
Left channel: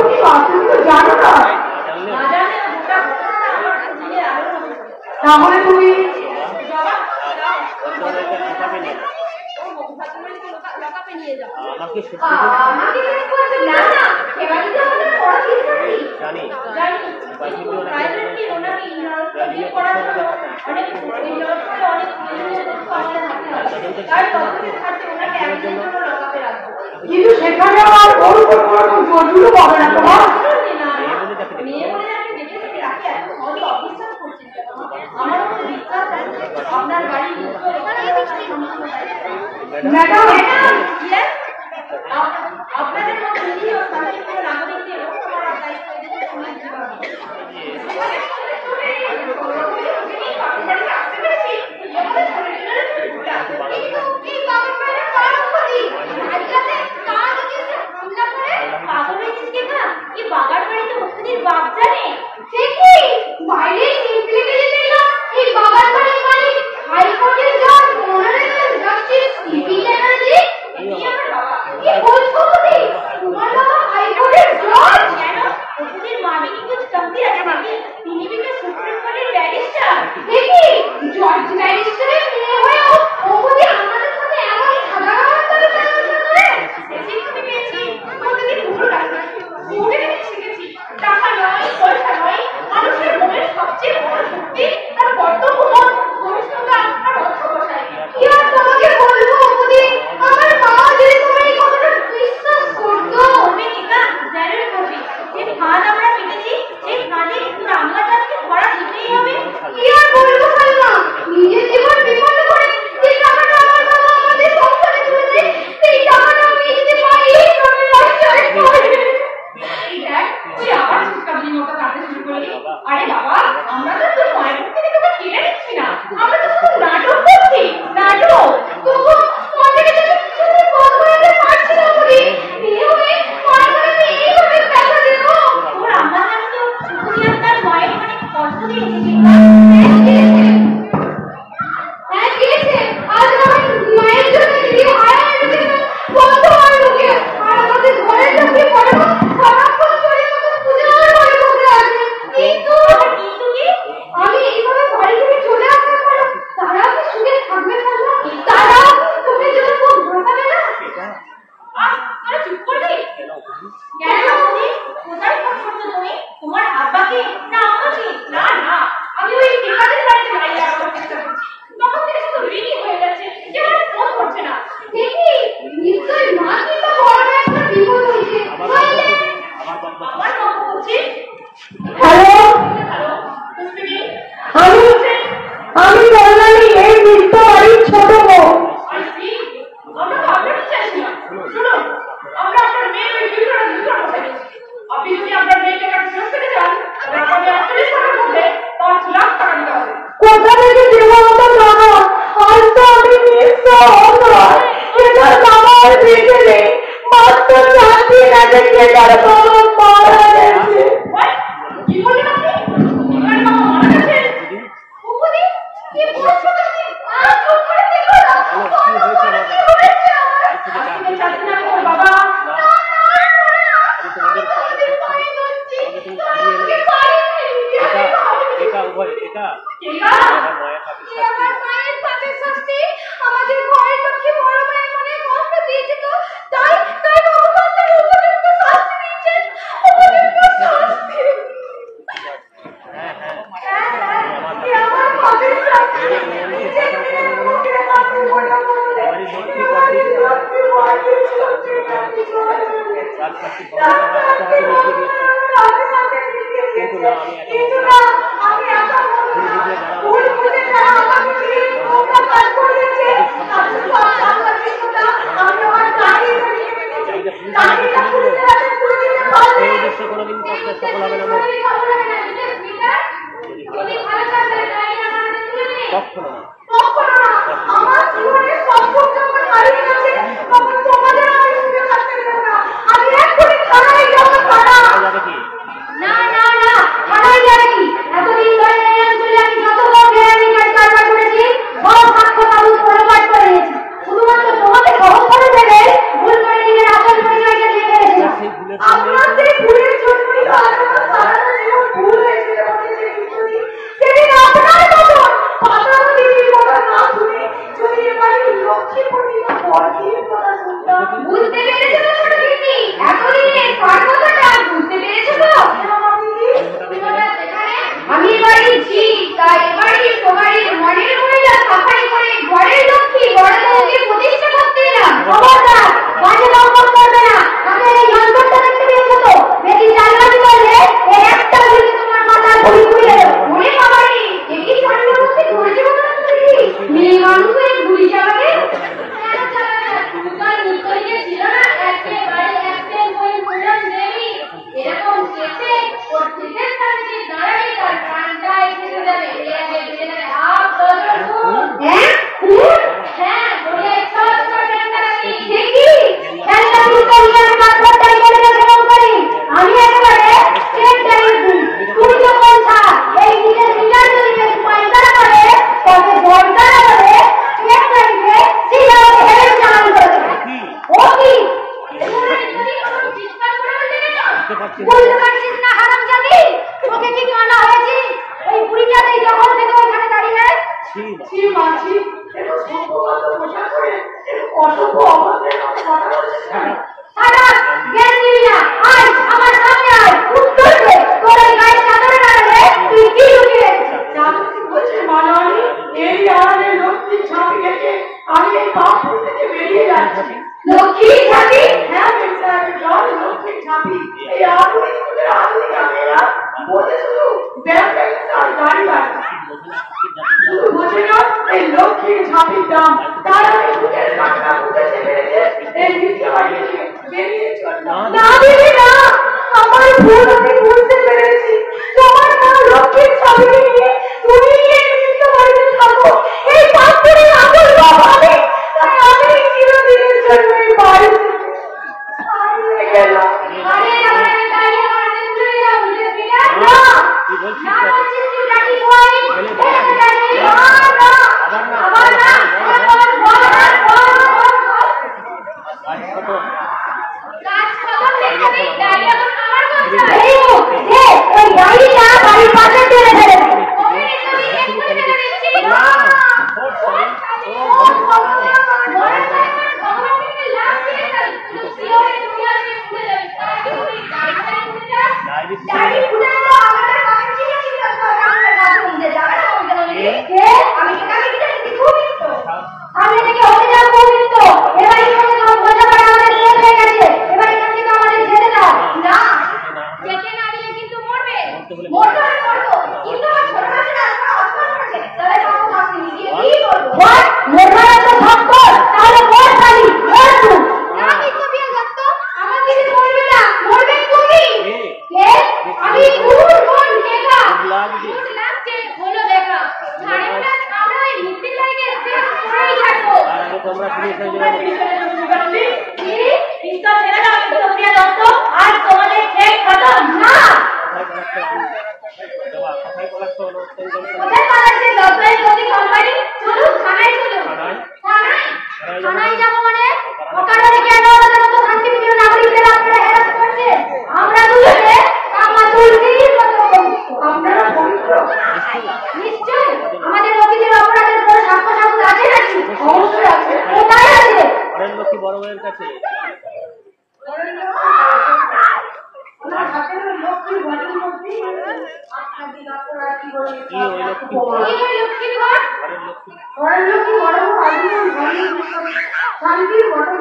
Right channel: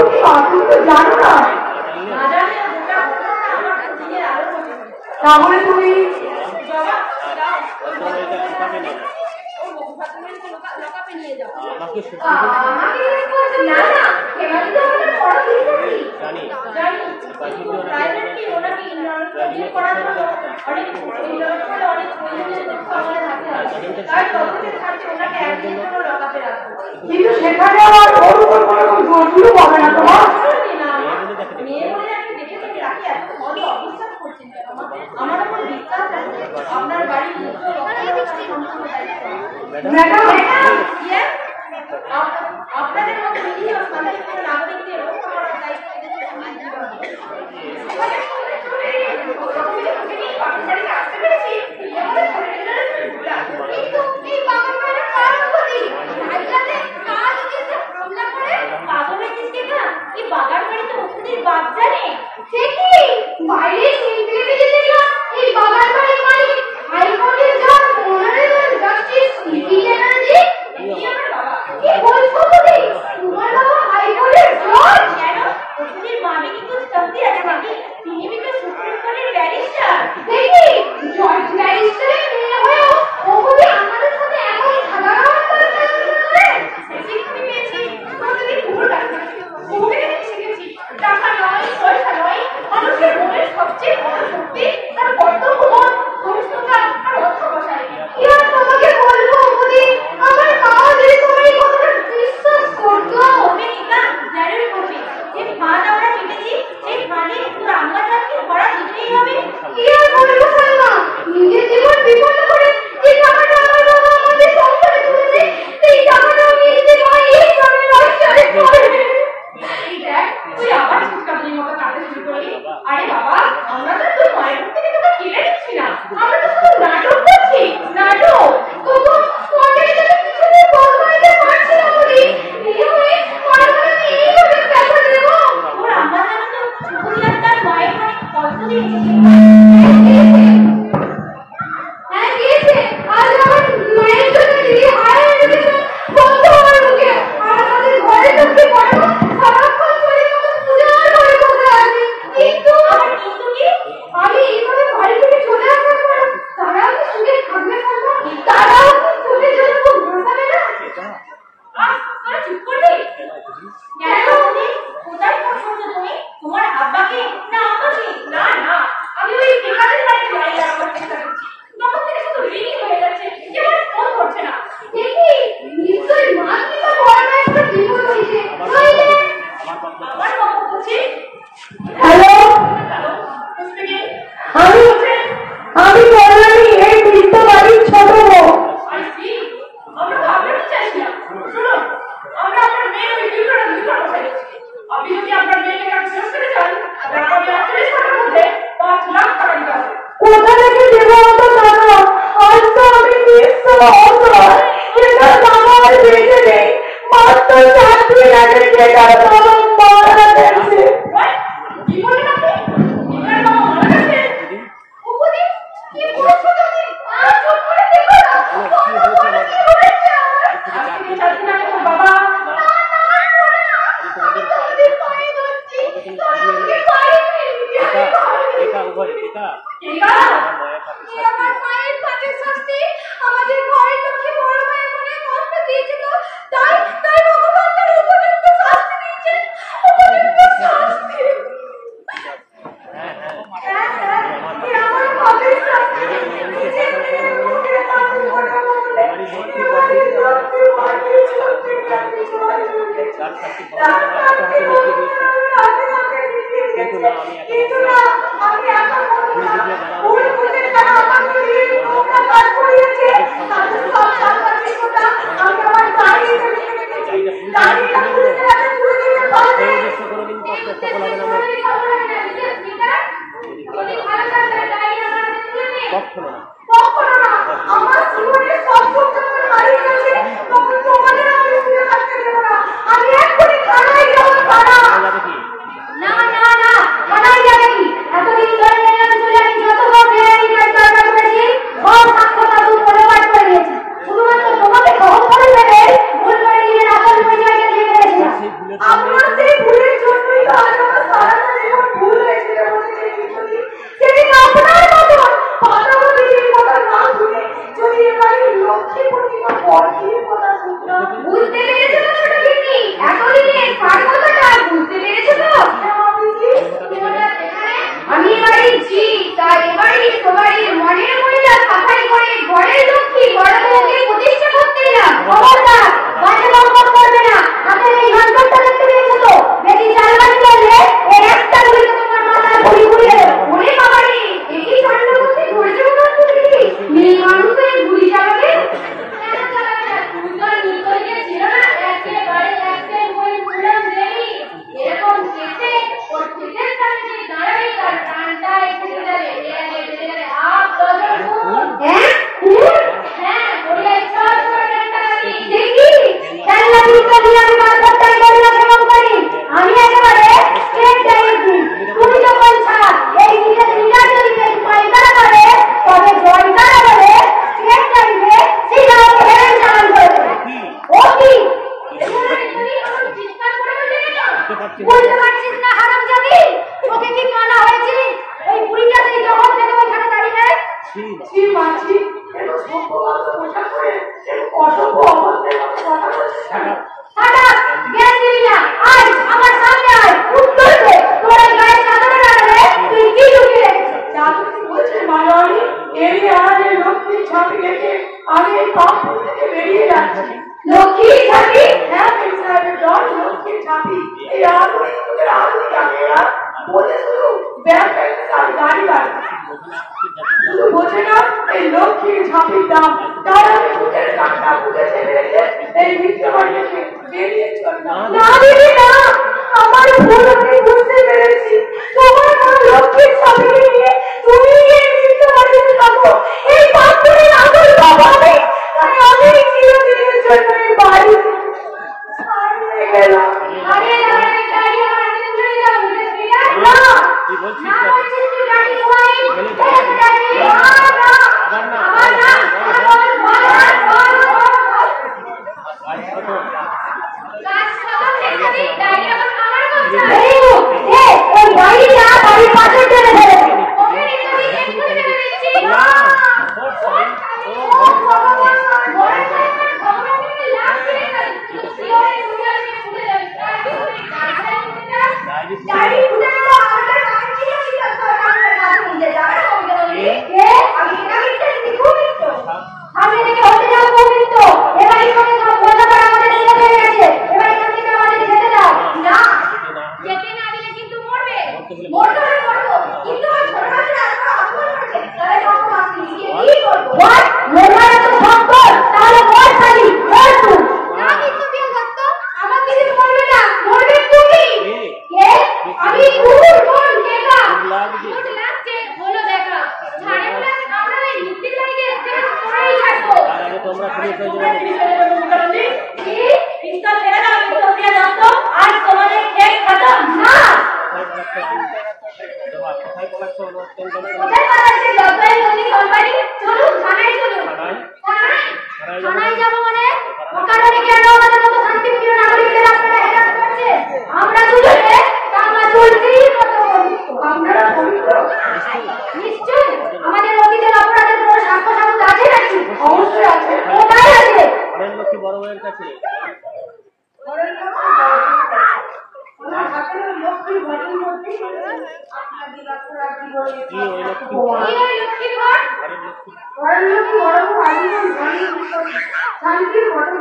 প্রতিমা তুমি তো জানো না। জানলে না জানলে ওটা ঘটনা আমার দিনে আরো তাহলে তুমি বাবা যাও ভদ্রমহিলাকে লুকাবে নিয়ে যাও। ও ভদ্রমহিলাকে লকাপে নিয়ে যাও। আমাকে সত্যি বলছি, আমাকে জিজ্ঞেস করছেন না না এবার তো আমাদের বড় বিশ্বাসী জানি জানি প্রাইভেটলি প্রাইভেটলি ওনাকে ইন্টারভিউ করার জন্য অনেক ইন্টারভিউ অনেক সামনে থাকতে হয় তাই তদন্তের স্বার্থে ওনাকে একদিনের জন্য লকাপে রাখবো। কিন্তু সেখানে আমার ওর উপর কোনো জোরগুলো পাবে না তোমার। মেয়ে বলে তাকে দেখে মেয়ে বলে যাকে দেখেছি তাকে এত সহজে অবিশ্বাস করছেন কেন? আমার উপর বিশ্বাস আছে আপনার বাড়ির ম্যাডাম Yes? আপনাদের মতো নিরীহ শান্তিপূর্ণ নাগরিকদের রক্ষা করার দায়িত্ব এদেশের পুলিশ বিভাগের। কিন্তু এই বাবার বাইরে কার ক্ষতি? আজকাতে কার যদি এসে হামলা করে পাগল হয়েছিস কি না? এই বাবার বাড়িতে ওষুধের বাপ জানে? সে কি বাইরে ইন্টিগ্রিটি না এই বাবার বাড়ির মালিক হাইকোর্টের জজ অনারেবল জাস্টিস সিপি চ্যাটার্জি। এই আমার বাবা। কি বলছো তুমি? তোমার বাবা হাইকোর্টের জজ? কেন? ওষুধের মালিক কিন্তু চলতি আছে নাকি? তিনি কিন্তু সুপ্রিম কোর্টের ব্যারিস্টার। দেখি জজ ম্যাজিস্ট্রেটের মেয়ে হয়েও ও বুঝি আমাদের সাথে এমন সাধারণ করে শিক্ষা পেয়েছি কতদিন ভুল রাখি ভুলে শিখেছি টাকা নয় পয়সা নয় মানুষের মনের সবচেয়ে বড় শক্তি তার কর্তব্য বোধ ভবিষ্যৎটা আর অধ্যবসায়। কি আর তোমাকে বলবো বুঝি আমার মা যদি তুমি এই কথাটা বিশ্বাস করতো। তবে নিকা জানুন করছি যে ফাঁদ আমরা পেতেছি সেই ফাঁদে শুধু আমরা তাকে ধরা দিতেই হবে। কি আর বলবো সালমা নিজের জীবন বিপন্ন করে যে টাকাটা আমার বাবা আমাদের সংসারে তুলেছে সেই টাকাটা আমি দিতে পারি এই জন্য বাচ্চারে করে। এই দেখ তুই আবার চিৎকাবলির মতো কাঁদতে শুরু করলি। আরে বাবা আমরা তো তোর মায়ের মুখ থেকে তোকে কেড়ে নিচ্ছি না আমরা তো শুধু নাটক করছি নাটক। তবু তোমাকে তো কিছু বলতে পারছি না বলি এইভাবে পড়াশোনাকে এইভাবে প্রেশার দেবো। তোর আম্মা যেন তো শুধু তার মায়ের মানে কষ্ট দিয়েছি। হ্যাঁ দিয়েছে আজ আমার মায়ের জন্য দিদি হায় দিদি বন্ধ হওয়ার মুখে আর আমাদের ঘরে ঢুকে পড়ো সারাক্ষণ চলে মতো পূজা করে বসে আছে। কিন্তু আমি এইভাবে বাড়ি থেকে চলে আসার পর তারা কি সুখে থাকবে বলবো? তারা চোখের জন্য খুব ভাসাবে না? আহ তোরা চুপ করবি কেন কেন তুমি কোথায় ফোন করছো তুমি তোমার আব্বাকে না আমাকে? না না আমি ওই ঠিকাদার বাড়িতে বাইরে আসার চেষ্টা করছি তখন থেকে শুধু রিনি হয়ে যাচ্ছে যে আমার ফোন করছে না। দেখি নিশ্চয়ই মা কিন্তু বড় একটা বিপদ হয়েছে। আবার আবার কখন করছি? Hello hello speaking. আমি বললাম এই বৃদ্ধ বাড়ির ছোট বউ। আই সি আমরা তো আপনাকে চাইছি না। শুনুন আমরা আপনার মেয়ের ওই ভিডিওটা লিখার কথা বলছি। আপনি যদি আপনার মেয়েকে কাছে ফেরত পেতে চান তবে আপনাকে 48 ঘন্টার মধ্যে 5 লাখ টাকা দিতে হবে। কোথা থেকে দেবো অত টাকা? আজ তো আমি নিঃস্ব অসহায়। এটা আমার বেঁচে নেই মাত্র 4 দিন আগে যেটার বাবা মারা গেছে। What? কি বললেন আপনি? নিকার বাবা মারা গেছে? উপদি কি বলছো তুমি? আর চুপ করে থেকো না। কি হয়েছে বাবা? আজ থেকে 4 দিন চাচ্ছি না গো বাবা। আমি তোমাদের পায়ে ধরছি। আমাকে তুমি ফিরিয়ে এনে একা উভয় একা একা? আমার মায়ের কাছে আমার মায়ের পাপের শাস্তি আমাদের ঘরের লক্ষ্মী বড় মায়ের মনে কষ্ট দিয়েছে তো তাই ভগবান তার উপযুক্ত শাস্তি দিয়েছেন। উপযুক্ত শাস্তি। হ্যাঁ হ্যাঁ আমার পাপের শাস্তি। নিজের নিয়মকে বাঁচাও করে বলো আমারই লক্ষ্মী বর্দি তার শাস্তি ভগবান আমার হাতে হাতে লিখে দিয়েছে কিন্তু না আমি একা ভুল বুঝে যারা জায়গা সেই উদ্দেশ্য কোনোদিন তো আপনার সফল হবে না আমার যদি ভালো না কখনো না আমার জীবনে সব যখন হারিয়ে গেছে তখন তোমাদের আমি সুখে থাকতে দেবো না। আমি এক্ষুনি থানায় যাবো। যাবে কি না থানায় যাবে কি? এতদিন ধরে এই অঞ্চলে আমি যতবার বেআইনি কাজ কারবার করেছি সব সাক্ষ্য সাবুত করে পাঠ করে নিয়েছি। শুধুমাত্র তোমাকে বহন করে ফেলে ভুল করে নিজের আসল পরিচয়টা দিয়ে ফেলেছি। সেই ভুলের আপনার সেই ভুলের ছি মাছি এত সম্ভবত পোশাক করে অসভ্য অবস্থায় কথা বলছে। হঠাৎ জ্ঞান দিবি না, আয় আমার সামনে আয়, উত্তর দে, তোর এই গায়ে চাদরে রাখলে তুই কি লুকিয়ে রেখেছিস? চাকরি বলছে মাননি, এই আমাদের লক্ষ্মীর ছাপি থেকে আমি এই পাপুর থেকে বেরিয়ে যাচ্ছি। লক্ষ্মী ছাতি? হ্যাঁ মেম সাহেবের দল লক্ষ্মীর ছাপি, এই আধুনিক যুগের আধুনিক আমেরা বলে শুধু ব্যাংক ব্যালেন্স আর গাড়ি বাড়ি শুধু বোঝে না এই লক্ষ্মীর ছাপির দাম। তার আগে বুকের কাঁটা বুকে চেপে রেখে এই মিথ্যে বাড়ি থেকে বেরিয়ে চললাম। না দিবি না, আমার ভুল আমি বুঝতে পেরেছি। তোমার নাম লক্ষ্মীর ছাতি নিয়ে তুমি এই নিত্য বাড়িতে থাকো, এই পাত্রে আসল বাপ আমি। তাই আমি চিরদিনের জন্য এই বাড়ি হারিয়ে গেলাম। হারিয়ে গেলাম, দাঁড়িয়ে মারতে চলে যাও, বুঝেছি না? কি বলছিস? না বলছিস তুই গাড়ি ঘুমাই, আবার না, আবার না, বল। কাজ কত? কাজ খতম, দেখতে ডাইরি এখন আমার কাছে। এই ডাইরিটা বাড়ির পাশে ফেলে দে। ওকে তুমি এক্ষুনি ফেলে দিচ্ছি। না, ওর সাইন ও ডাইরি খুলে তো আমাদের কাছে ছিল, ঠিক আছে আমাদের কাছে নিতে যাবে না বলতে আমি কেন লিখতে খুব তো সামনে থেকে হতে যাবো খুব তো এবার এখানে সব পয়সা পাড়া আমাদের শেষ হয়ে গেছে, এবার এখান থেকে আমাদের যেতে দাও। না যেতে না দিলে কিন্তু মরবে, মরতে হলে মরবো, কিন্তু আমার ছোট বাচ্চা অপমান করেছে, তাহলে কত মাসি কি করবো? হোয়াট মেঘার তো থাকতো তাহলে বল খালি বল তুই না কিন্তু বিয়ে করতো আমার দিদি মরবে না, মরবে তুমি। কে? আমি কোন দেখা লাগছে হলো দেখা ভাইরা আমরা এই লিপি লাগে সেম করেই থাকবো। আর আগে তোমরা ফ্রি হয়ে যাবে। কি পিস্তল ছেড়ে দাও, বিক্রমিয়া দত্ত, আজ তোমাদের কেক খতম। না কোথায় পড়াচ্ছ? কোথায় পালাচ্ছি? দত্তের নদী কোম্পানি, চলুন থানায় চলুন। থানায় যাবো মানে ওখানে কেন আমাদের মতো শান্তিপ্রিয় নাগরিকদের আপনারা হ্যারাস করছে? আমরা দুজনে কামাচুরগিরির মতো বন্ধু। আপনারা পবিত্র নিশ্চয়ই আমাদের অতীতের অপরাধের কোনো সাক্ষ্য সাক্ষ্য আছে নাকি? অবশ্যই আছে। কোথায় আছে? ঘরের লক্ষ্মী বড় ভাইয়ের কাছে। ঘরের লক্ষ্মী ওনার হাতের লক্ষ্মী ঘরের মধ্যে আপনাদের আপনারা কি বলে কি ওই লক্ষ্মী কি ওই লক্ষ্মী ঘর? ঘরের লক্ষ্মী ঘরের লক্ষ্মী বড় আদিন শান্তির বড়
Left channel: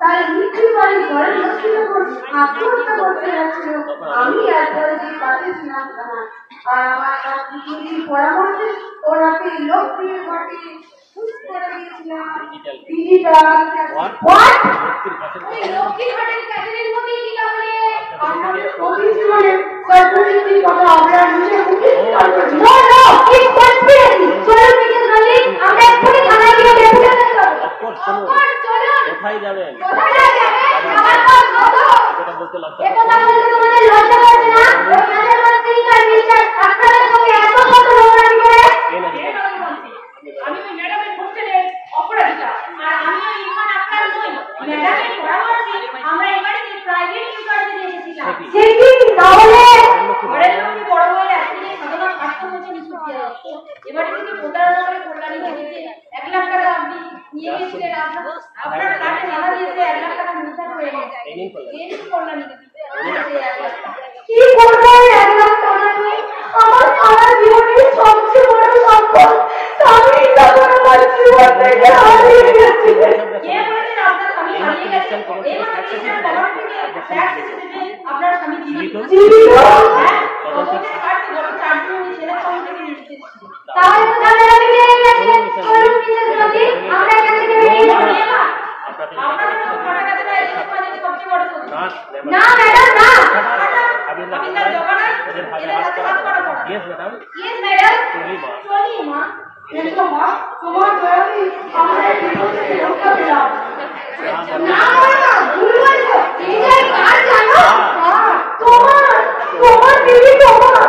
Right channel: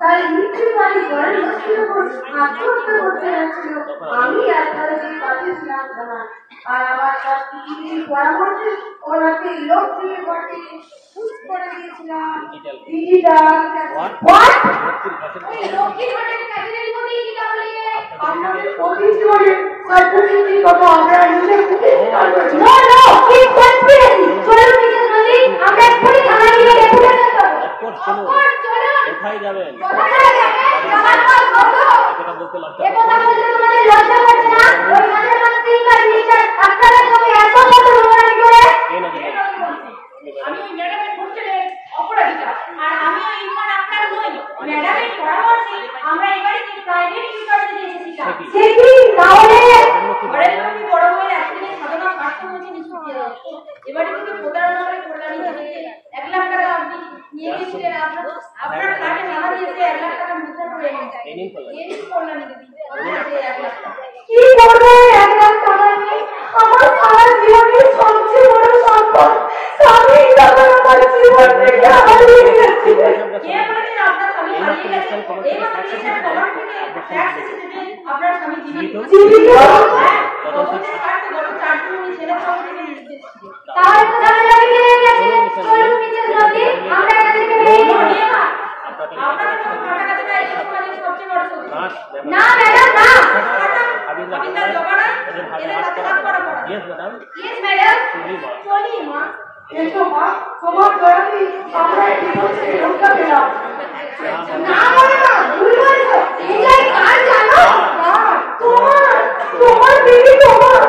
তাই মিথ্যে বাড়ি ঘরের লক্ষ্মীর উপর আত্মহত্যা করতে যাচ্ছিল। আমি একবারে যে পাঠিয়েছিলাম আর আমার শাস্ত্রীর পরামর্শে ওনাকে লক্ষ্মীর ঘরটি খুশ করে দিয়েছিলাম। Digital what? লক্ষ্মীর কাছে ওই লক্ষ্মী ঘরের কাজের মধ্যেই কি তাহলে আপনাদের প্রকৃতি বলে তার প্রকৃতির কথা আপনারা নিজে মুখে স্বীকার করেছেন। No no it's conspiracy. চলুন মিসেস নন্দী, আমরা এক্ষুনি থানায় গিয়ে ডেপুটেশন করব। অফকোর্স চলুন। চলুন। কোথায় যাবেন? কোথায় যাবেন? আমার বস কত? কথা বলতে লজ্জা এ কথা বলতে তোমাদের লজ্জা করছে না? ওই নামের মাস্টার মিস্টার আপনাদের সঙ্গে এত কত নোংরামি করে? কে না দিবেন? আমি ওই ম্যাডামের হোস্টেলের অপরাধিতা, আর আমিও ইরফান আপনার নই। ম্যাডামের পরামর্শে আমরা এই বাড়িতে প্রাইভেট ইউনিভার্সিটি এসেছিলাম। সে কি তাহলে ঘরের লক্ষ্মী বড় বউয়ের অ্যাক্সিডেন্টে সাধারণ স্বাস্থ্য হয়েছে নিশ্চয়ই। এবারে থেকে প্রতারণা করে কল্যাণী দেবীকে 1 লাখ টাকা আপনি নিয়ে গিয়েছিলেন, আপনার কার্ডে জানা দিয়েছে 1 লাখ টাকা মিথ্যা করে এনেছে। এই নিন কল্যাণী। এই নিন কল্যাণী দেবী, এই 1 লাখ টাকা। কি করবো এই 1 লাখ টাকা নিয়ে? আমার সারা জীবনের সবচেয়ে বড় সম্পদ স্বামী দাদা আমার জীবন থেকে হারিয়ে গেছে। কে বলেছেন আপনার স্বামী হারিয়ে গেছে? এই মাত্র রিসেন্ট খবর থেকে ফ্যাক্স এসেছে আপনার স্বামী জীবিত। হ্যাঁ, তদন্তের কার্ডে গত 4 দিন উনি ছেলের সঙ্গে থেকে নিয়ে এসেছেন। তাহলে তো তাদের আমি পেয়ে গেছি। চলুন মিসেস নন্দী, আমরা এখান থেকে বেরিয়ে যাই। আপনাদের কাটাকাটিটা এই সমাজের সবচেয়ে বড় শত্রু। না ম্যাডাম না, আবিন্দার জবা নাই, এদের হাতে হাত করা পড়া। Yes madam. Yes madam. চলি মা। চলি মা। এসো মা, তোমার দয়াতেই আমরা এই বিপদ থেকে রক্ষা পেলাম। না বড় না বাবা, ভুল বলেছো। এই গাড়ি কার জানো? তোমার দিদি তোমার।